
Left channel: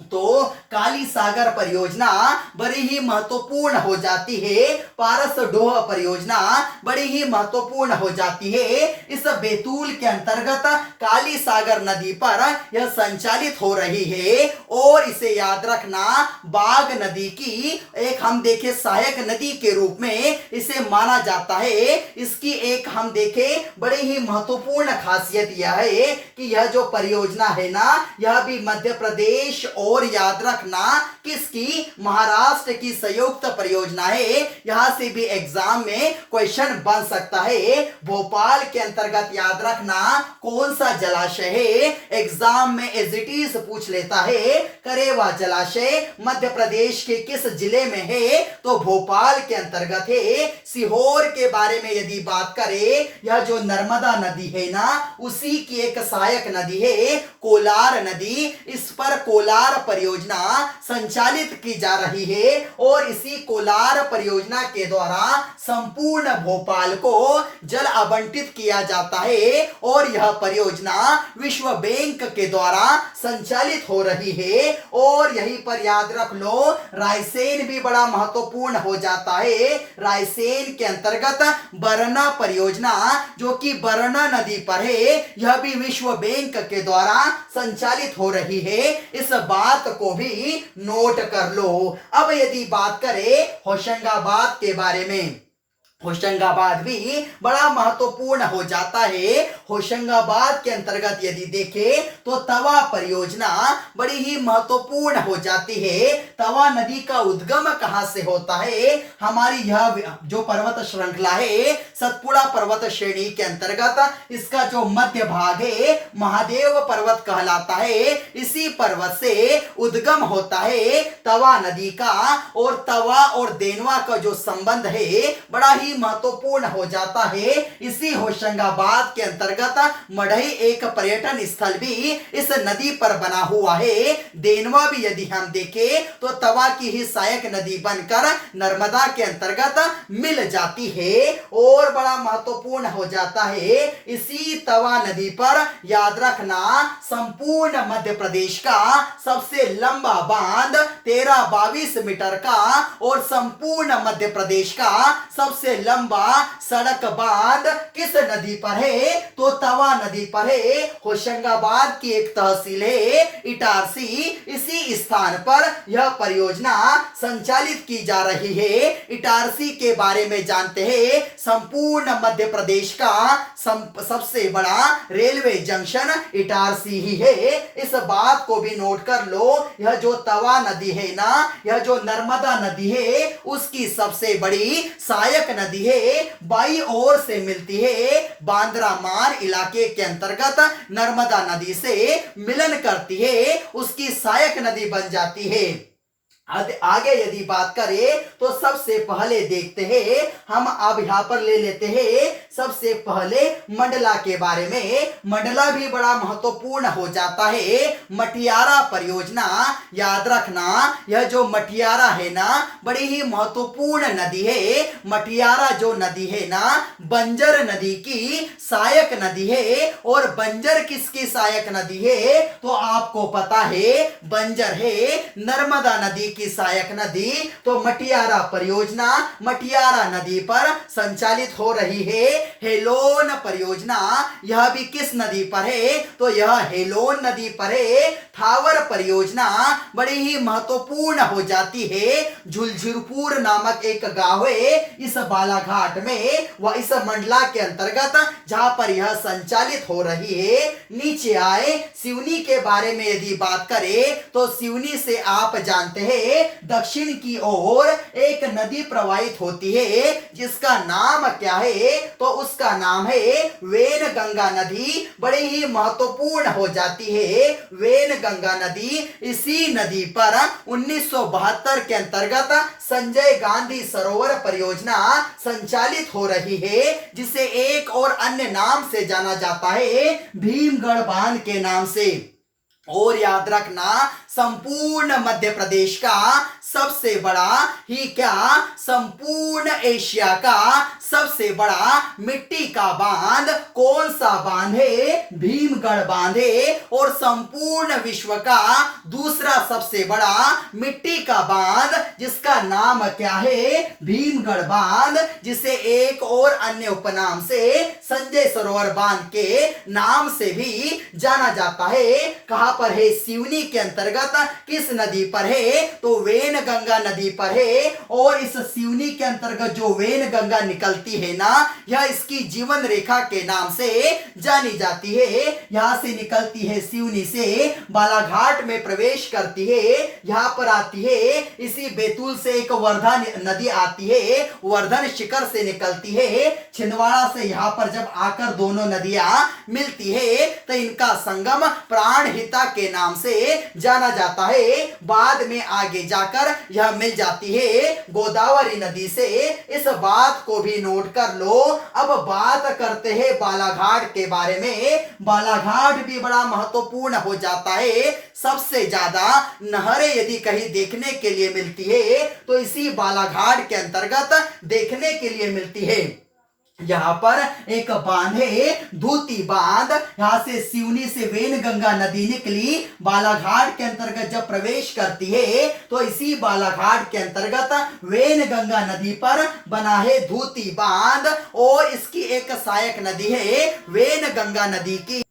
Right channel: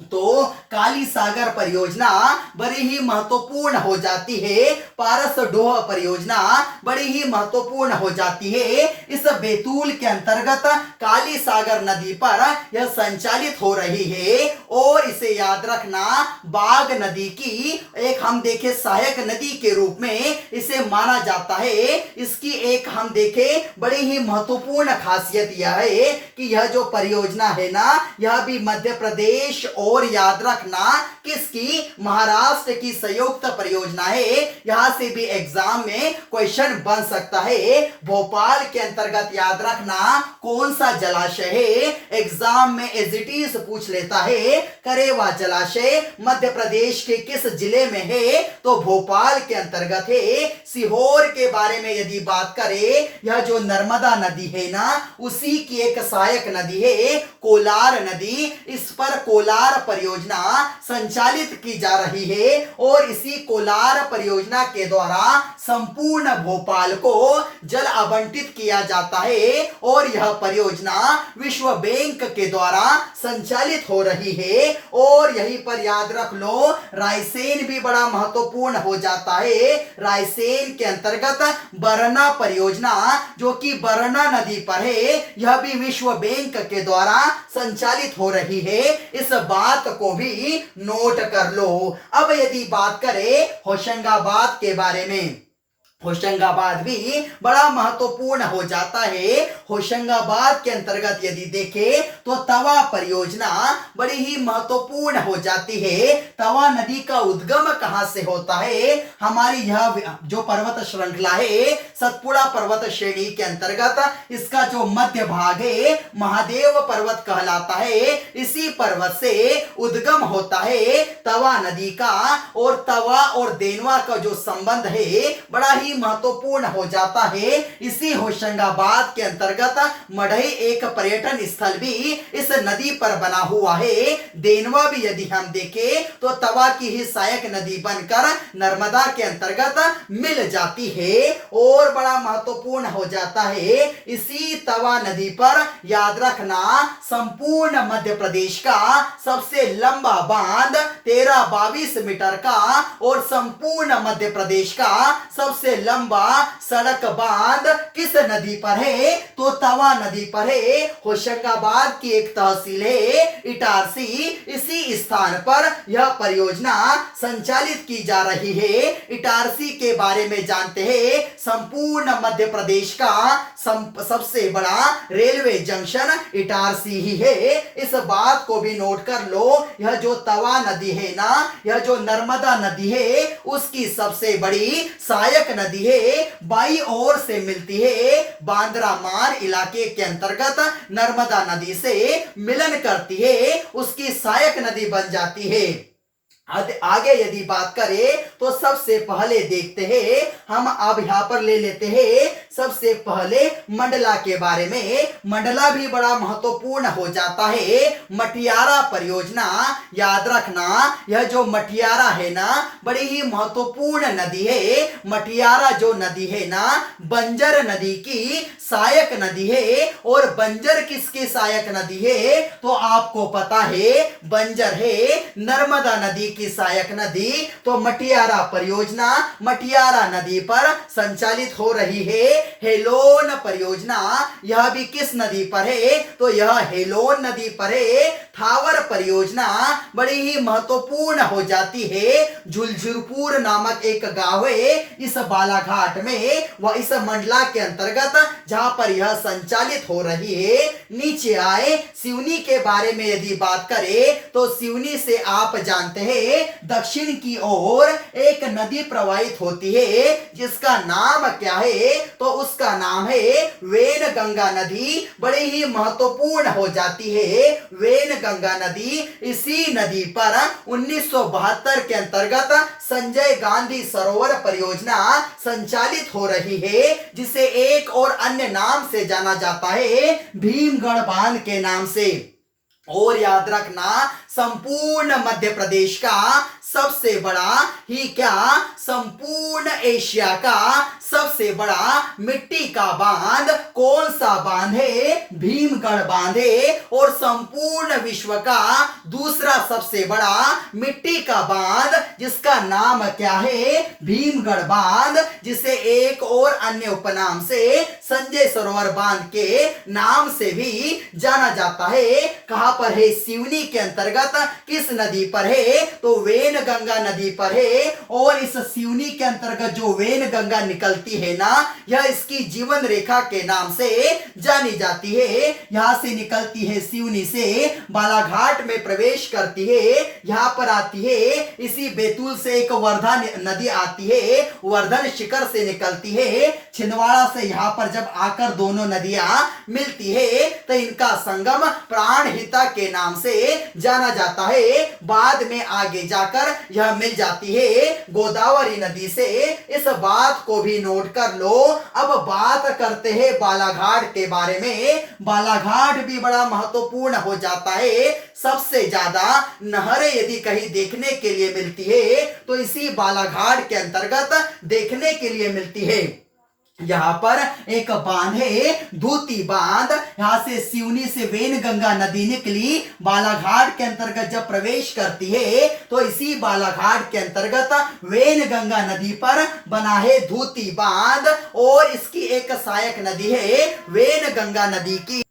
तो काली सागर परियोजना बड़ी ही महत्वपूर्ण हो जाती है। पारस डोह परियोजना बड़ी ही महत्वपूर्ण हो जाती है। इस बैतूल के अंतर्गत काली सागर नदी पर यह संचालित हो रही है। और इसे याद रखना बाघ नदी की एक हम देखें सहायक नदी के रूप में इसे माना जाता है। इसकी एक हम देखें बड़ी ही महत्वपूर्ण खासियत यह है कि यह जो परियोजना है ना, यह भी मध्य प्रदेश और याद रखना किसकी? महाराष्ट्र की संयुक्त परियोजना है। यहां से भी एग्जाम में क्वेश्चन बन सकता है। भोपाल के अंतर्गत याद रखना कौन सा जलाशय है? एग्जाम में एज इट इज पूछ लेता है। करेवा जलाशय मध्य प्रदेश के किस जिले में है? तो भोपाल के अंतर्गत है। सीहोर के बारे में यदि बात करें, यह जो नर्मदा नदी है ना, उसी की एक सहायक नदी है कोलार नदी। इस पर कोलार परियोजना संचालित की जा रही है और इसी कोलार परियोजना के द्वारा संपूर्ण भोपाल को जल आवंटित किया जाता है। और यह परियोजना विश्व बैंक के द्वारा संचालित हो रही है। और यहीं पर याद रख लो रायसेन भी बड़ा महत्वपूर्ण हो जाता है। रायसेन के अंतर्गत बरना परियोजना जो कि बरना नदी पर है, यह भी विश्व बैंक के द्वारा संचालित हो रही है। इस बात को भी नोट कर लो। अब यदि बात करें होशंगाबाद के बारे में, होशंगाबाद भी बड़ा महत्वपूर्ण हो जाता है। होशंगाबाद के अंतर्गत यदि देखें तो तवा परियोजना बड़ी ही महत्वपूर्ण हो जाती है। तवा नदी का उद्गम कहां से होता है? हमारी यह जो पर्वत श्रृंखला है सतपुड़ा पर्वत श्रेणी के अंतर्गत इसका जो मध्य भाग है महादेव पर्वत कहलाता है। इसी पर्वत से उद्गम होता है तवा नदी का। और तवा और देनवा का जो संबंध है बड़ा ही महत्वपूर्ण हो जाता है। इसी होशंगाबाद के अंतर्गत मढ़ई एक पर्यटन स्थल भी इस नदी पर बना हुआ है। देनवा भी यदि हम देखें तो तवा की ही सहायक नदी बनकर नर्मदा के अंतर्गत मिल जाती है और बड़ा महत्वपूर्ण हो जाता है। इसी तवा नदी पर याद रखना संपूर्ण मध्य प्रदेश का सबसे लंबा बांध 1322 मीटर का और संपूर्ण मध्य प्रदेश का सबसे लंबा सड़क बांध किस नदी पर है? तो तवा नदी पर है। होशंगाबाद की एक तहसील है इटारसी, इसी स्थान पर यह परियोजना संचालित की जा रही है। इटारसी के बारे में जानते हैं। संपूर्ण मध्य प्रदेश का सबसे बड़ा रेलवे जंक्शन इटारसी ही है। इस बात को भी नोट कर लो, यह जो तवा नदी है ना, यह जो नर्मदा नदी है उसकी सबसे बड़ी सहायक नदी है। बाई ओर से मिलती है, बांद्रा मान इलाके के अंतर्गत नर्मदा नदी से मिलन करती है, उसकी सहायक नदी बन जाती है। आगे यदि बात करें तो सबसे पहले देखते हैं, हम अब यहां पर ले लेते हैं सबसे पहले मंडला के बारे में। मंडला भी बड़ा महत्वपूर्ण हो जाता है। मटियारा परियोजना याद रखना, यह जो मटियारा है ना बड़ी ही महत्वपूर्ण नदी है। मटियारा जो नदी है ना बंजर नदी की सहायक नदी है। और बंजर किसकी सहायक नदी है? तो आपको पता है बंजर है नर्मदा नदी की सहायक नदी। तो मटियारा परियोजना मटियारा नदी पर संचालित हो रही है। हेलोन परियोजना यह भी किस नदी पर है? तो यह हेलोन नदी पर है। थावर परियोजना बड़ी ही महत्वपूर्ण हो जाती है। झुलझुरपुर नामक एक गांव है इस बालाघाट में, वह इस मंडला के अंतर्गत जहां पर यह संचालित हो रही है। नीचे आए सिवनी के बारे में यदि बात करें तो सिवनी से आप जानते हैं दक्षिण की ओर एक नदी प्रवाहित होती है जिसका नाम क्या है? तो उसका नाम है वेनगंगा नदी। बड़ी ही महत्वपूर्ण हो जाती है वेनगंगा नदी। इसी नदी पर 1972 के अंतर्गत संजय गांधी सरोवर परियोजना संचालित हो रही है, जिसे एक और अन्य नाम से जाना जाता है भीमगढ़ बांध के नाम से। और याद रखना संपूर्ण मध्य प्रदेश का सबसे बड़ा ही क्या, संपूर्ण एशिया का सबसे बड़ा मिट्टी का बांध कौन सा बांध है? भीमगढ़ बांध है। और संपूर्ण विश्व का दूसरा सबसे बड़ा मिट्टी का बांध जिसका नाम क्या है? भीमगढ़ बांध, जिसे एक और अन्य उपनाम से संजय सरोवर बांध के नाम से भी जाना जाता है। कहां पर है? सिवनी के अंतर्गत। किस नदी पर है? तो वेनगंगा नदी पर है। और इस सिवनी के अंतर्गत जो वेनगंगा निकलती है ना, यह इसकी जीवन रेखा के नाम से जानी जाती है। यहां से निकलती है सिवनी से, बालाघाट में प्रवेश करती है, यहां पर आती है। इसी बैतूल से एक वर्धा नदी आती है, वर्धन शिखर से निकलती है। छिंदवाड़ा से यहां पर जब आकर दोनों नदियां मिलती है तो इनका संगम प्राणहिता के नाम से जाना जाता है। बाद में आगे जाकर यह मिल जाती है गोदावरी नदी से। इस बात को भी नोट कर लो। अब बात करते हैं बालाघाट के बारे में। बालाघाट भी बड़ा महत्वपूर्ण हो जाता है। सबसे ज्यादा नहरें यदि कहीं देखने के लिए मिलती है तो इसी बालाघाट के अंतर्गत देखने के लिए मिलती है। यहाँ पर एक बांध है धूती बांध। यहां से सिवनी से वेनगंगा नदी निकली, बालाघाट के अंतर्गत जब प्रवेश करती है तो इसी बालाघाट के अंतर्गत वेनगंगा नदी पर बना है धूती बांध। और इसकी एक सहायक नदी है वेनगंगा नदी की।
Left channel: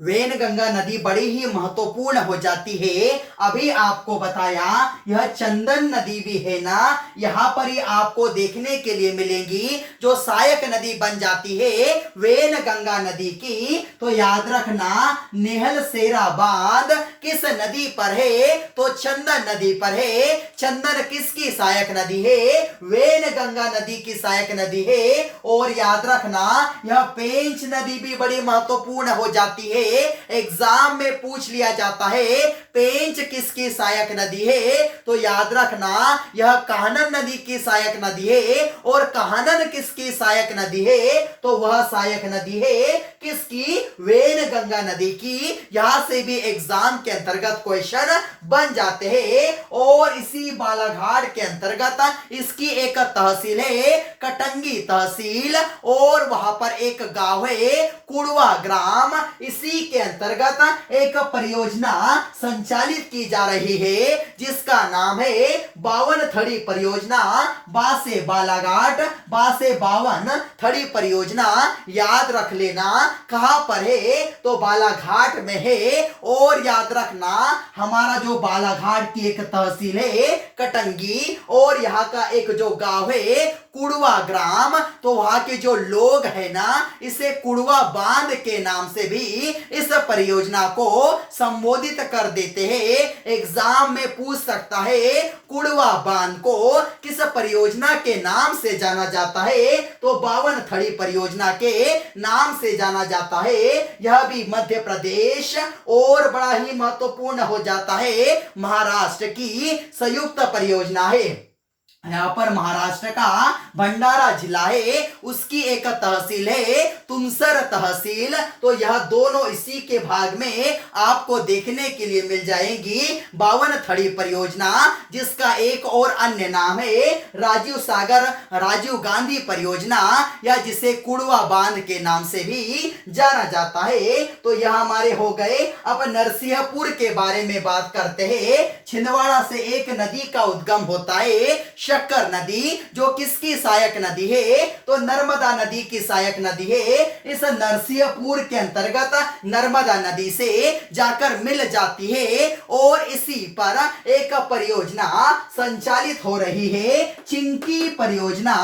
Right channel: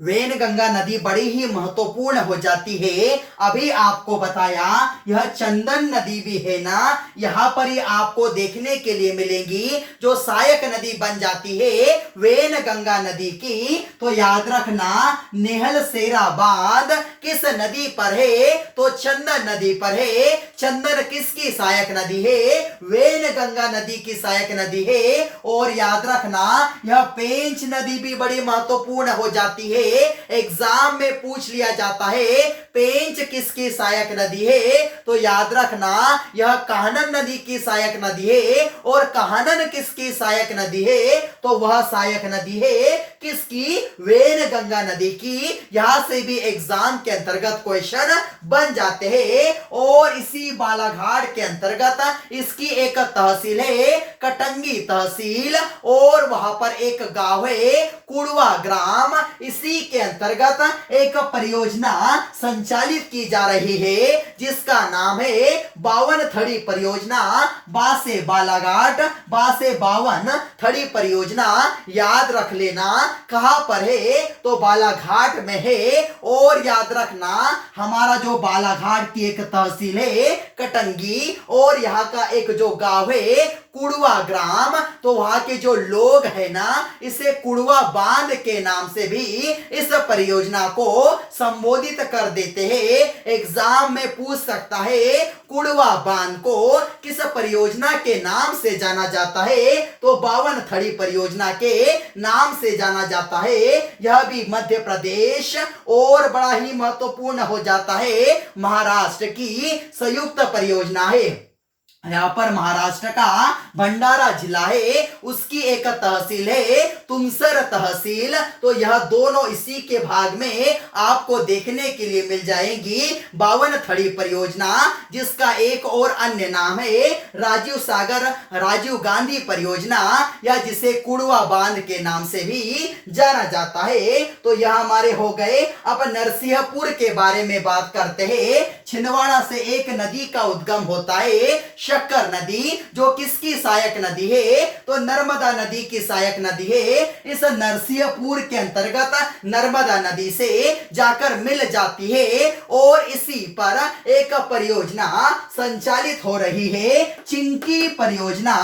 वेनगंगा नदी बड़ी ही महत्वपूर्ण हो जाती है। अभी आपको बताया यह चंदन नदी भी है ना, यहां पर ही आपको देखने के लिए मिलेंगी जो सहायक नदी बन जाती है वेनगंगा नदी की। तो याद रखना नेहल सेरा बांध किस नदी पर है? तो चंदन नदी पर है। चंदन किसकी सहायक नदी है? वेनगंगा नदी की सहायक नदी है। और याद रखना यह पेंच नदी भी बड़ी महत्वपूर्ण हो जाती है। एग्जाम में पूछ लिया जाता है पेंच किसकी सहायक नदी है? तो याद रखना यह काहनन नदी की सहायक नदी है। और काहनन किसकी सहायक नदी है? तो वह सहायक नदी है किसकी? वेनगंगा नदी की। यहां से भी एग्जाम के अंतर्गत क्वेश्चन बन जाते हैं। और इसी बालाघाट के अंतर्गत इसकी एक तहसील है कटंगी तहसील और वहां पर एक गांव है कुड़वा ग्राम। इसी के अंतर्गत एक परियोजना संचालित की जा रही है जिसका नाम है 52 थड़ी परियोजना। बा से बालाघाट, बा से 52 थड़ी परियोजना। याद रख लेना कहां पर है, तो बालाघाट में है। और याद रखना हमारा जो बालाघाट की एक तहसील है कटंगी और यहाँ का एक जो गांव है कुड़वा ग्राम, तो वहां के जो लोग है ना इसे कुड़वा बांध के नाम से भी इस परियोजना को संबोधित कर देते हैं। एग्जाम में पूछ सकता है कुड़वा बांध को किस परियोजना के नाम से जाना जाता है, तो 52 थड़ी परियोजना के नाम से जाना जाता है। यह भी मध्य प्रदेश और बड़ा ही महत्वपूर्ण हो जाता है महाराष्ट्र की संयुक्त परियोजना है। यहाँ पर महाराष्ट्र का भंडारा जिला है, उसकी एक तहसील है तुमसर तहसील। तो यह दोनों इसी के भाग में आपको देखने के लिए मिल जाएगी। 52 थड़ी परियोजना जिसका एक और अन्य नाम है राजीव गांधी परियोजना या जिसे कुड़वा बांध के नाम से भी जाना जाता है। तो यह हमारे हो गए। अब नरसिंहपुर के बारे में बात करते हैं। छिंदवाड़ा से एक नदी का उद्गम होता है शक्कर नदी, जो किसकी सहायक नदी है, तो नर्मदा नदी की सहायक नदी है। इस नरसिंहपुर के अंतर्गत नर्मदा नदी से जाकर मिल जाती है और इसी पर एक परियोजना संचालित हो रही है। चिंकी परियोजना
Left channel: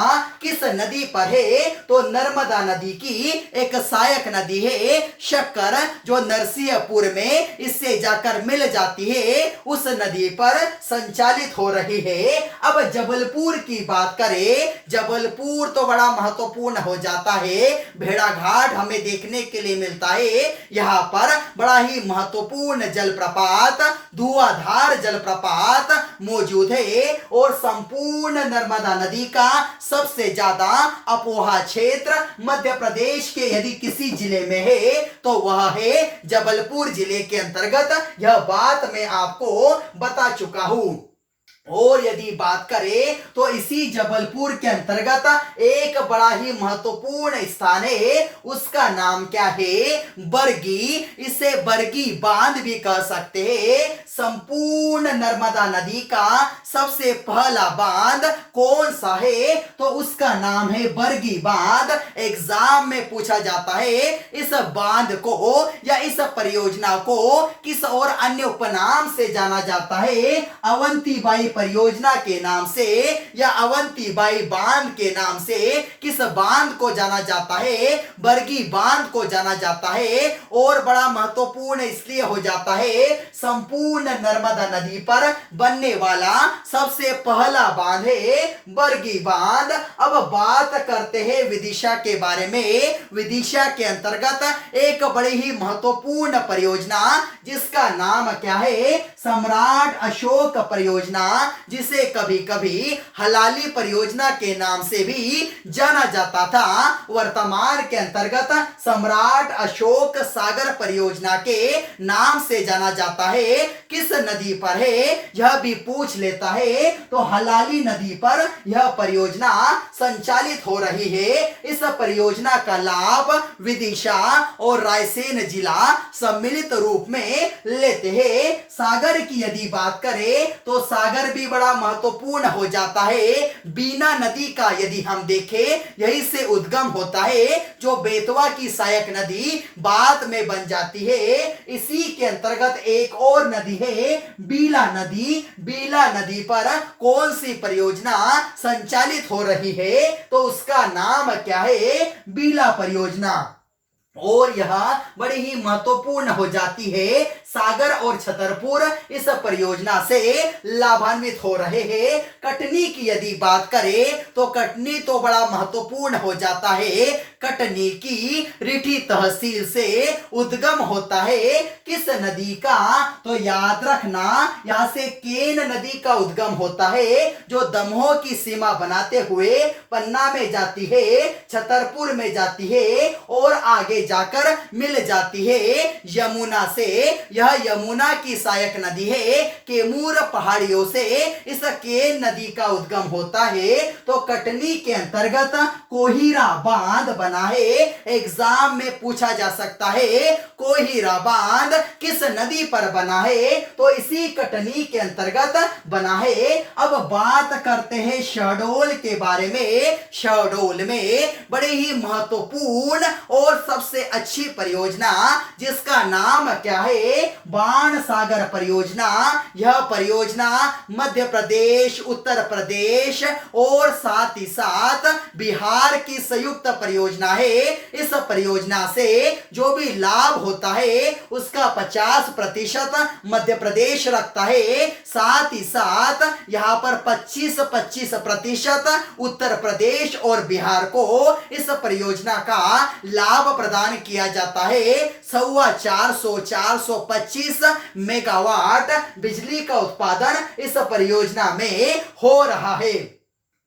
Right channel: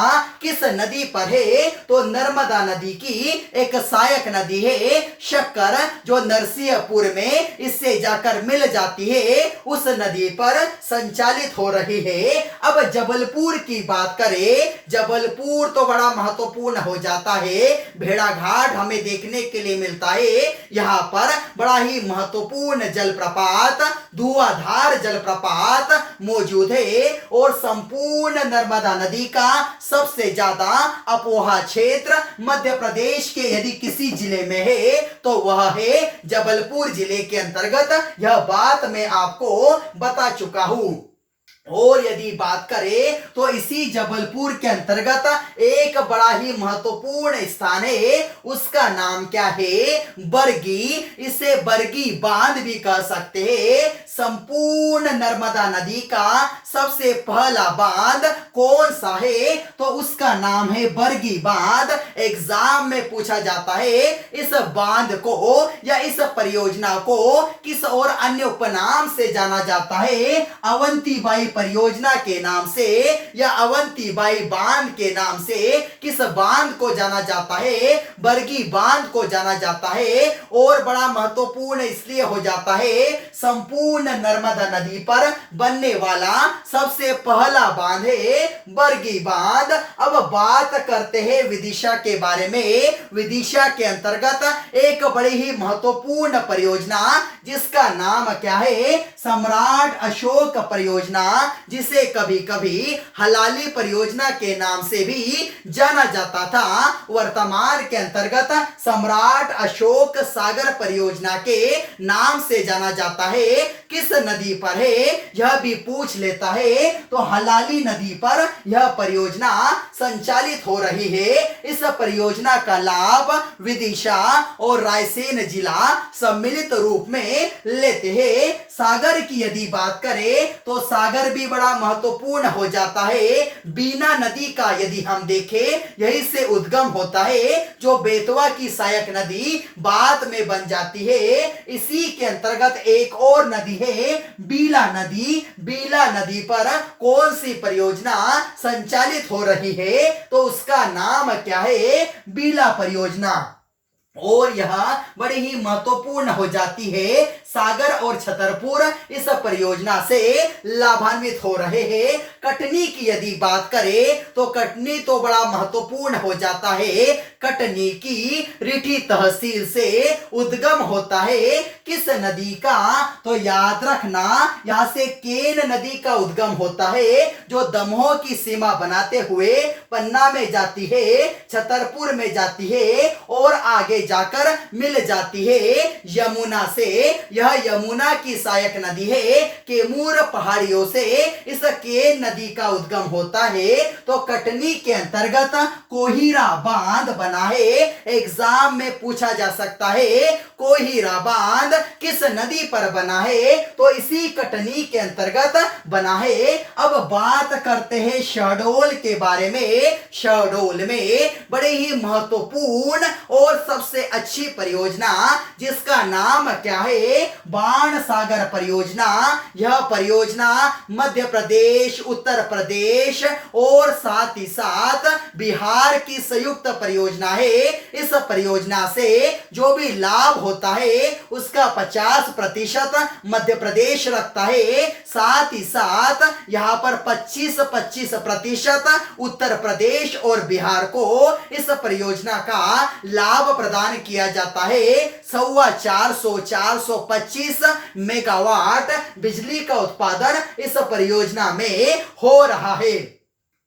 किस नदी पर है, तो नर्मदा नदी की एक सहायक नदी है शक्कर, जो नरसिंहपुर में इससे जाकर मिल जाती है, उस नदी पर संचालित हो रही है। अब जबलपुर की बात करें, जबलपुर तो बड़ा महत्वपूर्ण हो जाता है। भेड़ाघाट हमें देखने के लिए मिलता है। यहाँ पर बड़ा ही महत्वपूर्ण जलप्रपात धुआंधार जलप्रपात मौजूद है और संपूर्ण नर्मदा नदी का सबसे ज्यादा अपवाह क्षेत्र मध्य प्रदेश के यदि किसी जिले में है तो वह है जबलपुर जिले के अंतर्गत। यह बात मैं आपको बता चुका हूं। और यदि बात करें तो इसी जबलपुर के अंतर्गत एक बड़ा ही महत्वपूर्ण स्थान है, उसका नाम क्या है, बरगी। इसे बरगी बांध भी कह सकते हैं। संपूर्ण नर्मदा नदी का सबसे पहला बांध कौन सा है, तो उसका नाम है बरगी बांध। एग्जाम में पूछा जाता है इस बांध को या इस परियोजना को किस और अन्य उपनाम से जाना जाता है, अवंतीबाई परियोजना के नाम से या अवंतीबाई बांध के नाम से किस बांध को जाना जाता है, बरगी बांध को जाना जाता है। और बड़ा महत्वपूर्ण इसलिए हो जाता है संपूर्ण नर्मदा नदी पर बनने वाला सबसे पहला बांध है बरगी बांध। अब बात करते हैं विदिशा के बारे में। विदिशा के अंतर्गत एक बड़ी ही महत्वपूर्ण परियोजना जिसका नाम क्या है, सम्राट अशोक परियोजना, जिसे कभी कभी हलाली परियोजना के नाम से भी जाना जाता था। वर्तमान के अंतर्गत सम्राट अशोक सागर परियोजना के नाम से जाना जाता है। किस नदी पर है यह भी पूछ लेता है, तो हलाली नदी पर यह परियोजना संचालित हो रही है। इस परियोजना का लाभ विदिशा और रायसेन जिला सम्मिलित रूप में लेते हैं। सागर की यदि बात करें तो सागर भी बड़ा महत्वपूर्ण हो जाता है। बीना नदी का यदि हम देखें यही से उद्गम होता है, जो बेतवा की सहायक नदी बाद में बन जाती है। इसी के अंतर्गत एक और नदी है बीला नदी। बीला नदी पर कौन सी परियोजना संचालित हो रही है, तो उसका नाम क्या है, बीला परियोजना। और यह बड़ी ही महत्वपूर्ण हो जाती है। सागर और छतरपुर इस परियोजना से लाभान्वित हो रहे हैं। कटनी की यदि बात करें तो कटनी तो बड़ा महत्वपूर्ण हो जाता है। कटनी की रिठी तहसील से उद्गम होता है किस नदी का, तो याद रखना यहां से केन नदी का उद्गम होता है, जो दमोह की सीमा बनाते हुए पन्ना में जाती है, छतरपुर में जाती है और आगे जाकर मिल जाती है यमुना से। यह यमुना की सहायक नदी है। कैमूर पहाड़ियों से इस केन नदी का उद्गम होता है। तो कटनी के अंतर्गत कोहिरा बांध बना है। एग्जाम में पूछा जा सकता है कोहिरा बांध किस नदी पर बना है, तो इसी कटनी के अंतर्गत बना है। अब बात करते हैं शहडोल के बारे में। शहडोल में बड़े ही महत्वपूर्ण और सबसे अच्छी परियोजना जिसका नाम क्या है, बाण सागर परियोजना। यह परियोजना मध्य प्रदेश, उत्तर प्रदेश और साथ ही साथ बिहार की संयुक्त परियोजना है। इस परियोजना से जो भी लाभ होता है उसका 50% मध्य प्रदेश रखता है। साथ ही साथ यहां पर 25% उत्तर प्रदेश और बिहार को इस परियोजना का लाभ प्रदान किया जाता है। 425 मेगावाट बिजली का उत्पादन इस परियोजना में हो रहा है।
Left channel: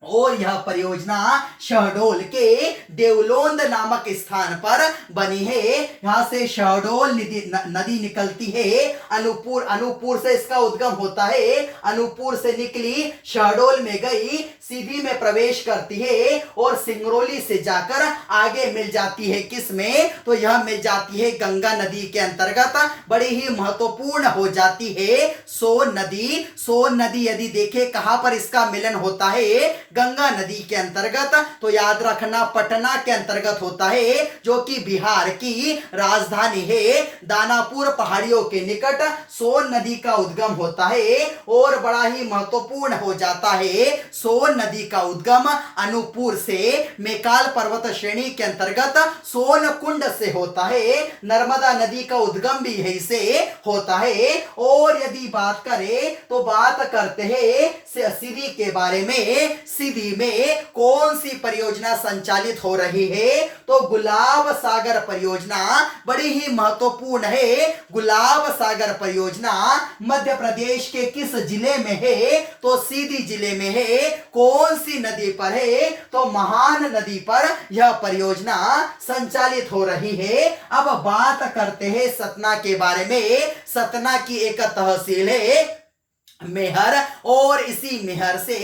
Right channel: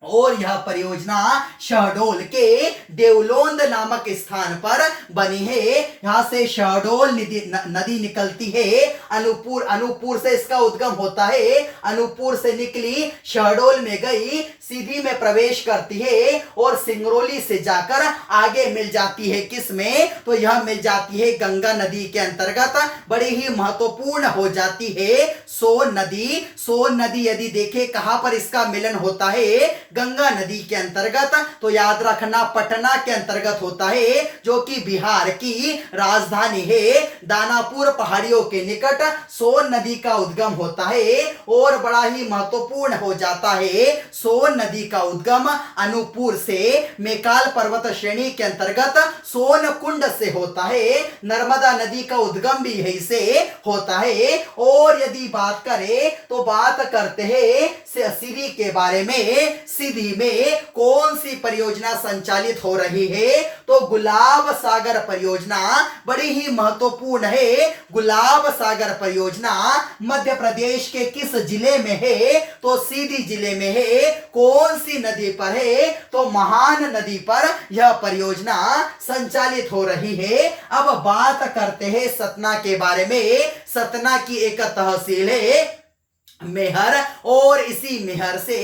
और यह परियोजना शहडोल के देवलोंद नामक स्थान पर बनी है। यहां से शहडोल नदी निकलती है। अनूपपुर से इसका उद्गम होता है। अनूपपुर से निकली, शहडोल में गई, सीधी में प्रवेश करती है और सिंगरौली से जाकर आगे मिल जाती है किसमें, तो यह मिल जाती है गंगा नदी के अंतर्गत। बड़ी ही महत्वपूर्ण हो जाती है सोन नदी। सोन नदी यदि देखें कहां पर इसका मिलन होता है, गंगा नदी के अंतर्गत, तो याद रखना पटना के अंतर्गत होता है, जो कि बिहार की राजधानी है। दानापुर पहाड़ियों के निकट सोन नदी का उद्गम होता है। और बड़ा ही महत्वपूर्ण हो जाता है सोन नदी का उद्गम अनूपपुर से मेकाल पर्वत श्रेणी के अंतर्गत सोन कुंड से होता है। नर्मदा नदी का उद्गम भी यहीं से होता है। और यदि बात करें तो बात करते हैं सीधी के बारे में। सीधी में कौन सी परियोजना संचालित हो रही है, तो गुलाब सागर परियोजना बड़ी ही महत्वपूर्ण है। गुलाब सागर परियोजना मध्य प्रदेश के किस जिले में है, तो सीधी जिले में है। कौन सी नदी पर है, तो महान नदी पर यह परियोजना संचालित हो रही है। अब बात करते हैं सतना के बारे में। सतना की एक तहसील है मेहर, और इसी मेहर से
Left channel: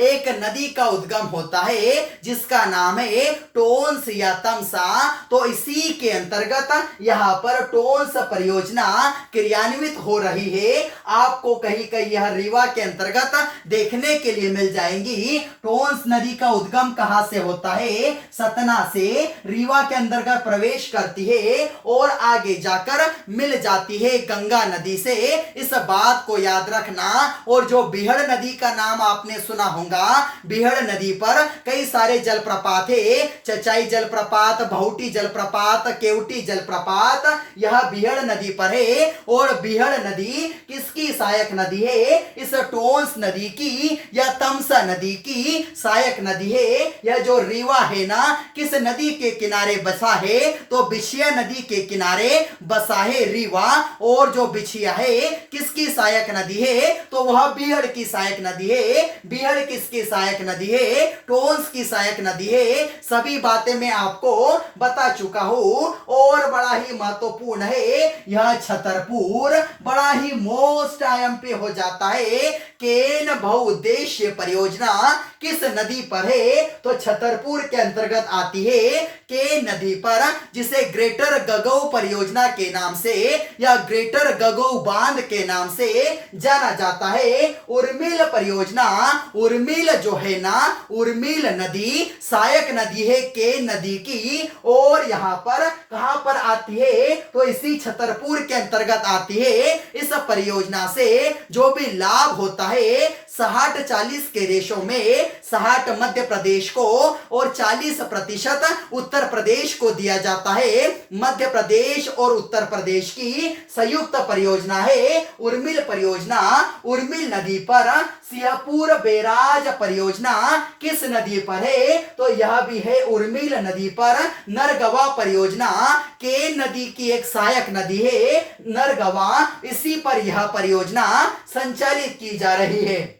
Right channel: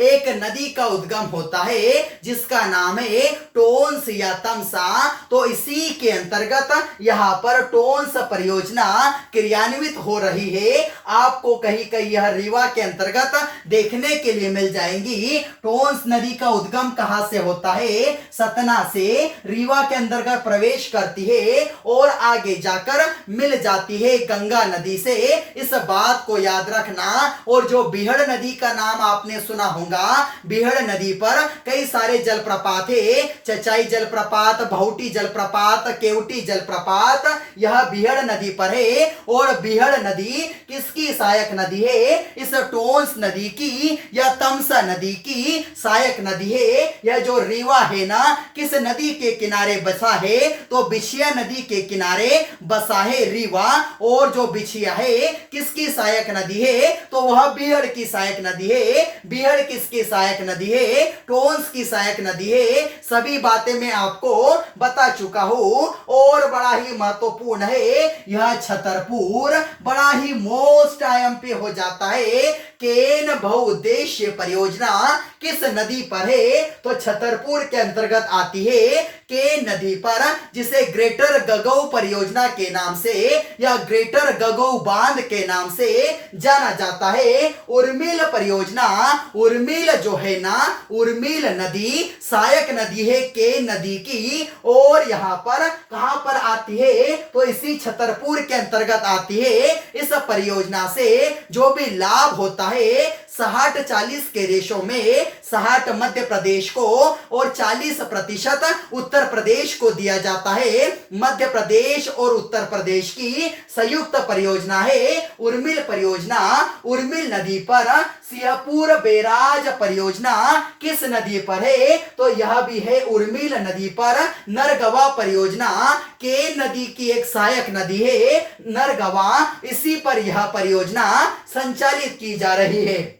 एक नदी का उद्गम होता है जिसका नाम है टोंस या तमसा। तो इसी के अंतर्गत यहां पर टोंस परियोजना क्रियान्वित हो रही है। आपको कहीं कहीं यह रीवा के अंतर्गत देखने के लिए मिल जाएंगी। टोंस नदी का उद्गम कहां से होता है, सतना से रीवा के अंतर्गत प्रवेश करती है और आगे जाकर मिल जाती है गंगा नदी से। इस बात को याद रखना। और जो बिहड़ नदी का नाम आपने सुना होगा, बिहड़ नदी पर कई सारे जलप्रपात है। चचाई जलप्रपात, बहुटी जलप्रपात, केवटी जलप्रपात, यह बिहड़ नदी पर है। और बिहड़ नदी किसकी सहायक नदी है, इस टोंस नदी की या तमसा नदी की सहायक नदी है। यह जो रीवा है ना, किस नदी के किनारे बसा है, तो बिछिया नदी के किनारे बसा है रीवा। और जो बिछिया है किसकी सहायक नदी है, तो वह बिहड़ की सहायक नदी है। बिहड़ किसकी सहायक नदी है, टोंस की सहायक नदी है। सभी बातें मैं आपको बता चुका हूं। और बड़ा ही महत्वपूर्ण है यह छतरपुर, बड़ा ही मोस्ट आईएमपी हो जाता है। केन बहुउद्देश्य परियोजना किस नदी पर है, तो छतरपुर के अंतर्गत आती है केन नदी पर, जिसे ग्रेटर गगऊ परियोजना के नाम से या ग्रेटर गगऊ बांध के नाम से जाना जाता है। उर्मिल परियोजना, उर्मिल जो है ना, उर्मिल नदी सहायक नदी है केन नदी की। और यहां पर कहां पर आती है, तो इसी छतरपुर के अंतर्गत आती है। इस परियोजना से जो भी लाभ होता है 60-40 के रेशो में 60 मध्य प्रदेश को और 40% उत्तर प्रदेश को दिया जाता है। मध्य प्रदेश और उत्तर प्रदेश की संयुक्त परियोजना है उर्मिल परियोजना। उर्मिल नदी पर सिंहपुर बैराज परियोजना किस नदी पर है, तो यह भी है उर्मिल नदी पर। नरगवा परियोजना केन नदी की एक सहायक नदी है नरगवा, इसी पर यह परियोजना संचालित की जा रही है।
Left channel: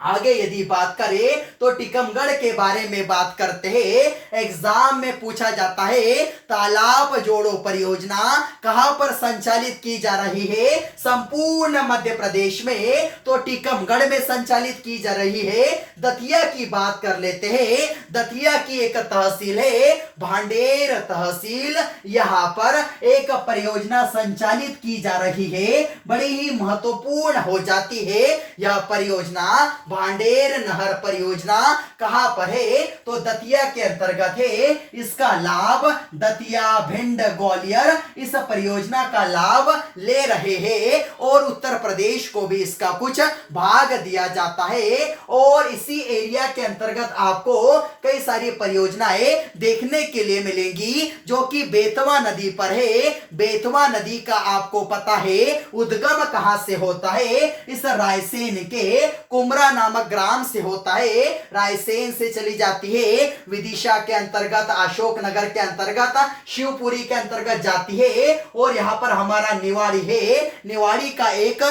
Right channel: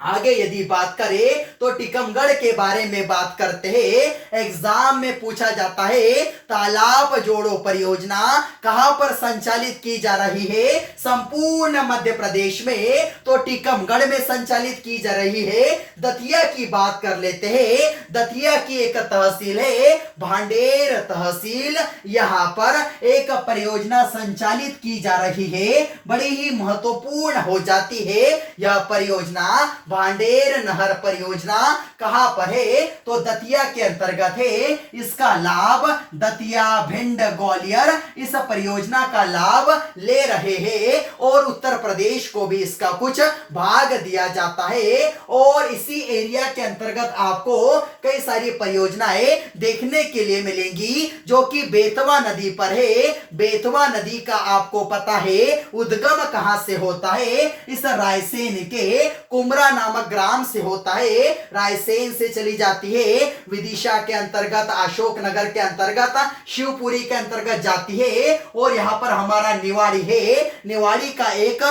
आगे यदि बात करें तो टीकमगढ़ के बारे में बात करते हैं। एग्जाम में पूछा जाता है तालाब जोड़ो परियोजना कहां पर संचालित की जा रही है? संपूर्ण मध्य प्रदेश में, तो टीकमगढ़ में संचालित की जा रही है। दतिया की बात कर लेते हैं। दतिया की एक तहसील है भांडेर तहसील, यहां पर एक परियोजना संचालित की जा रही है। बड़ी ही महत्वपूर्ण हो जाती है यह परियोजना। भांडेर नहर परियोजना कहां पर है? तो दतिया के अंतर्गत है। इसका लाभ दतिया, भिंड, ग्वालियर इस परियोजना का लाभ ले रहे हैं और उत्तर प्रदेश को भी इसका कुछ भाग दिया जाता है। और इसी एरिया के अंतर्गत आपको कई सारी परियोजनाएं देखने के लिए मिलेंगी जो कि बेतवा नदी पर है। बेतवा नदी का आपको पता है उद्गम कहां से होता है? इस रायसेन के कुमरा नामक ग्राम से होता है। रायसेन से चली जाती है, विदिशा के अंतर्गत, अशोकनगर के अंतर्गत, शिवपुरी के अंतर्गत जाती है और यहां पर हमारा निवाड़ी है। निवाड़ी का एक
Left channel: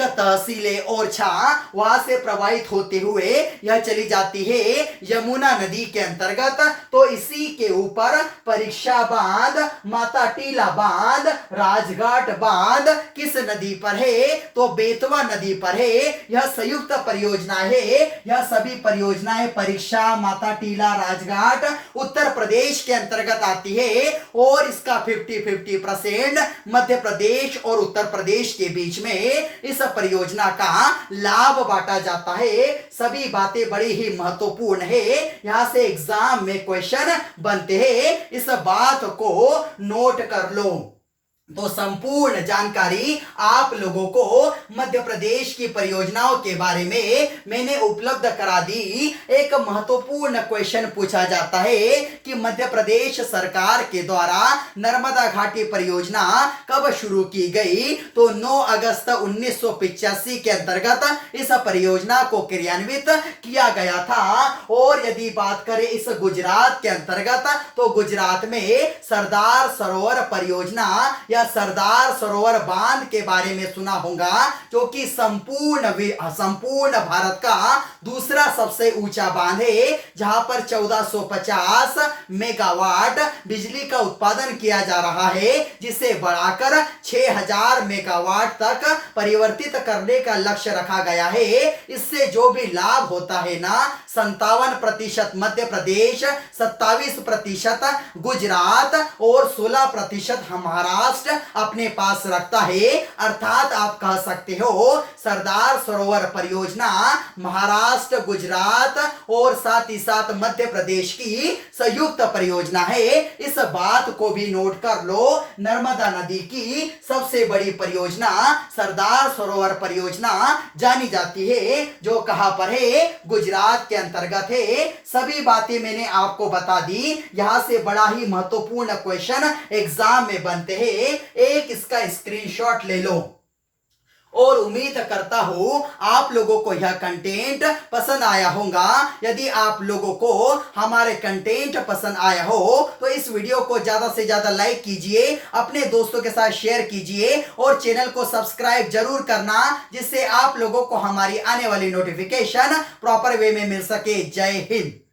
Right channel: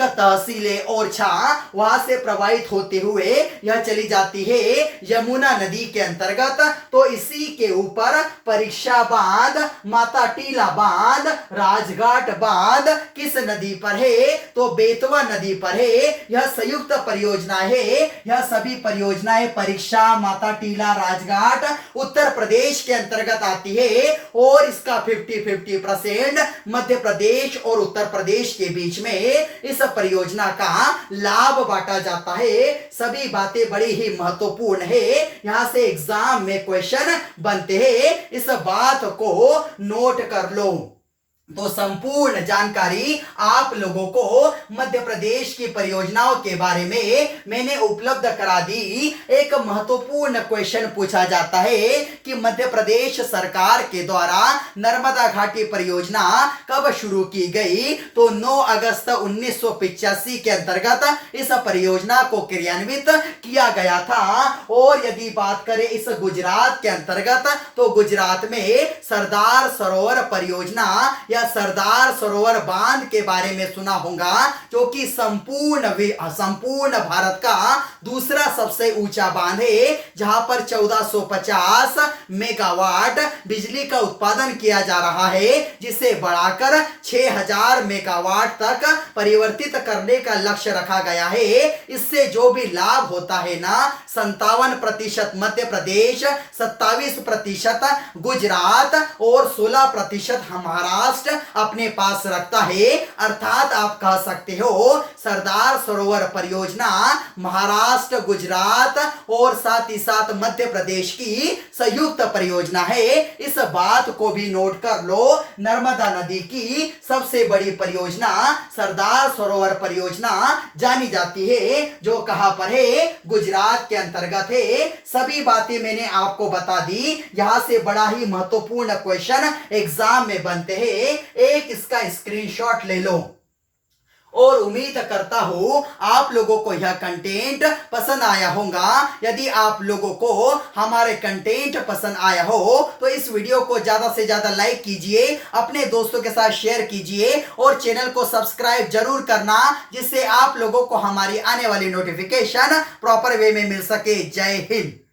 तहसील है ओरछा, वहां से प्रवाहित होते हुए यह चली जाती है यमुना नदी के अंतर्गत। तो इसी के ऊपर परीक्षा बांध, माता टीला बांध, राजघाट बांध किस नदी पर है? तो बेतवा नदी पर है। यह संयुक्त परियोजना है। यह सभी परियोजनाएं परीक्षा, माता टीला, राजघाट उत्तर प्रदेश के अंतर्गत आती है और इसका 50-50% मध्य प्रदेश और उत्तर प्रदेश के बीच में इस परियोजना का लाभ बांटा जाता है। सभी बातें बड़ी ही महत्वपूर्ण है, यहां से एग्जाम में क्वेश्चन बनते हैं, इस बात को नोट कर लो। तो संपूर्ण जानकारी आप लोगों को मध्य प्रदेश की परियोजनाओं के बारे में मैंने उपलब्ध करा दी। एक महत्वपूर्ण क्वेश्चन पूछा जाता है कि मध्य प्रदेश सरकार के द्वारा नर्मदा घाटी परियोजना कब शुरू की गई? तो 9 अगस्त 1985 के अंतर्गत इस परियोजना को क्रियान्वित किया गया था। और यदि बात करें इस गुजरात के अंतर्गत, तो गुजरात में सरदार सरोवर परियोजना या सरदार सरोवर बांध के बारे में सुना होगा, जो कि संपूर्ण भारत का दूसरा सबसे ऊंचा बांध है, जहां पर 1450 मेगावाट बिजली का उत्पादन किया जा रहा है, जिसे बढ़ाकर 6000 मेगावाट तक परिवर्तित करने का लक्ष्य रखा गया है। इससे जो भी लाभ होता है ना, 57% मध्य प्रदेश, 27% गुजरात और 16% महाराष्ट्र अपने पास रखता है। अर्थात आप कह सकते हो सरदार सरोवर परियोजना महाराष्ट्र, गुजरात और साथ ही साथ मध्य प्रदेश की संयुक्त परियोजना है। इस बात को भी नोट कर लो। नर्मदा नदी की सबसे बड़ी परियोजना सरदार सरोवर परियोजना जानी जाती है, जो कहां पर है? गुजरात के अंतर्गत है। सभी बातें मैंने आपको बता दी। यहां से बड़ा ही महत्वपूर्ण क्वेश्चन एग्जाम में बनते हैं। एक इसका स्क्रीनशॉट ले लो और उम्मीद करता हूं आप लोगों को यह कंटेंट पसंद आया होगा। यदि आप लोगों को हमारे कंटेंट पसंद आया हो तो इस वीडियो को ज्यादा से ज्यादा लाइक कीजिए, अपने दोस्तों के साथ शेयर कीजिए और चैनल को सब्सक्राइब जरूर करना, जिससे आप लोगों को हमारी आने वाली नोटिफिकेशन प्रॉपर वे में मिल सके। जय हिंद।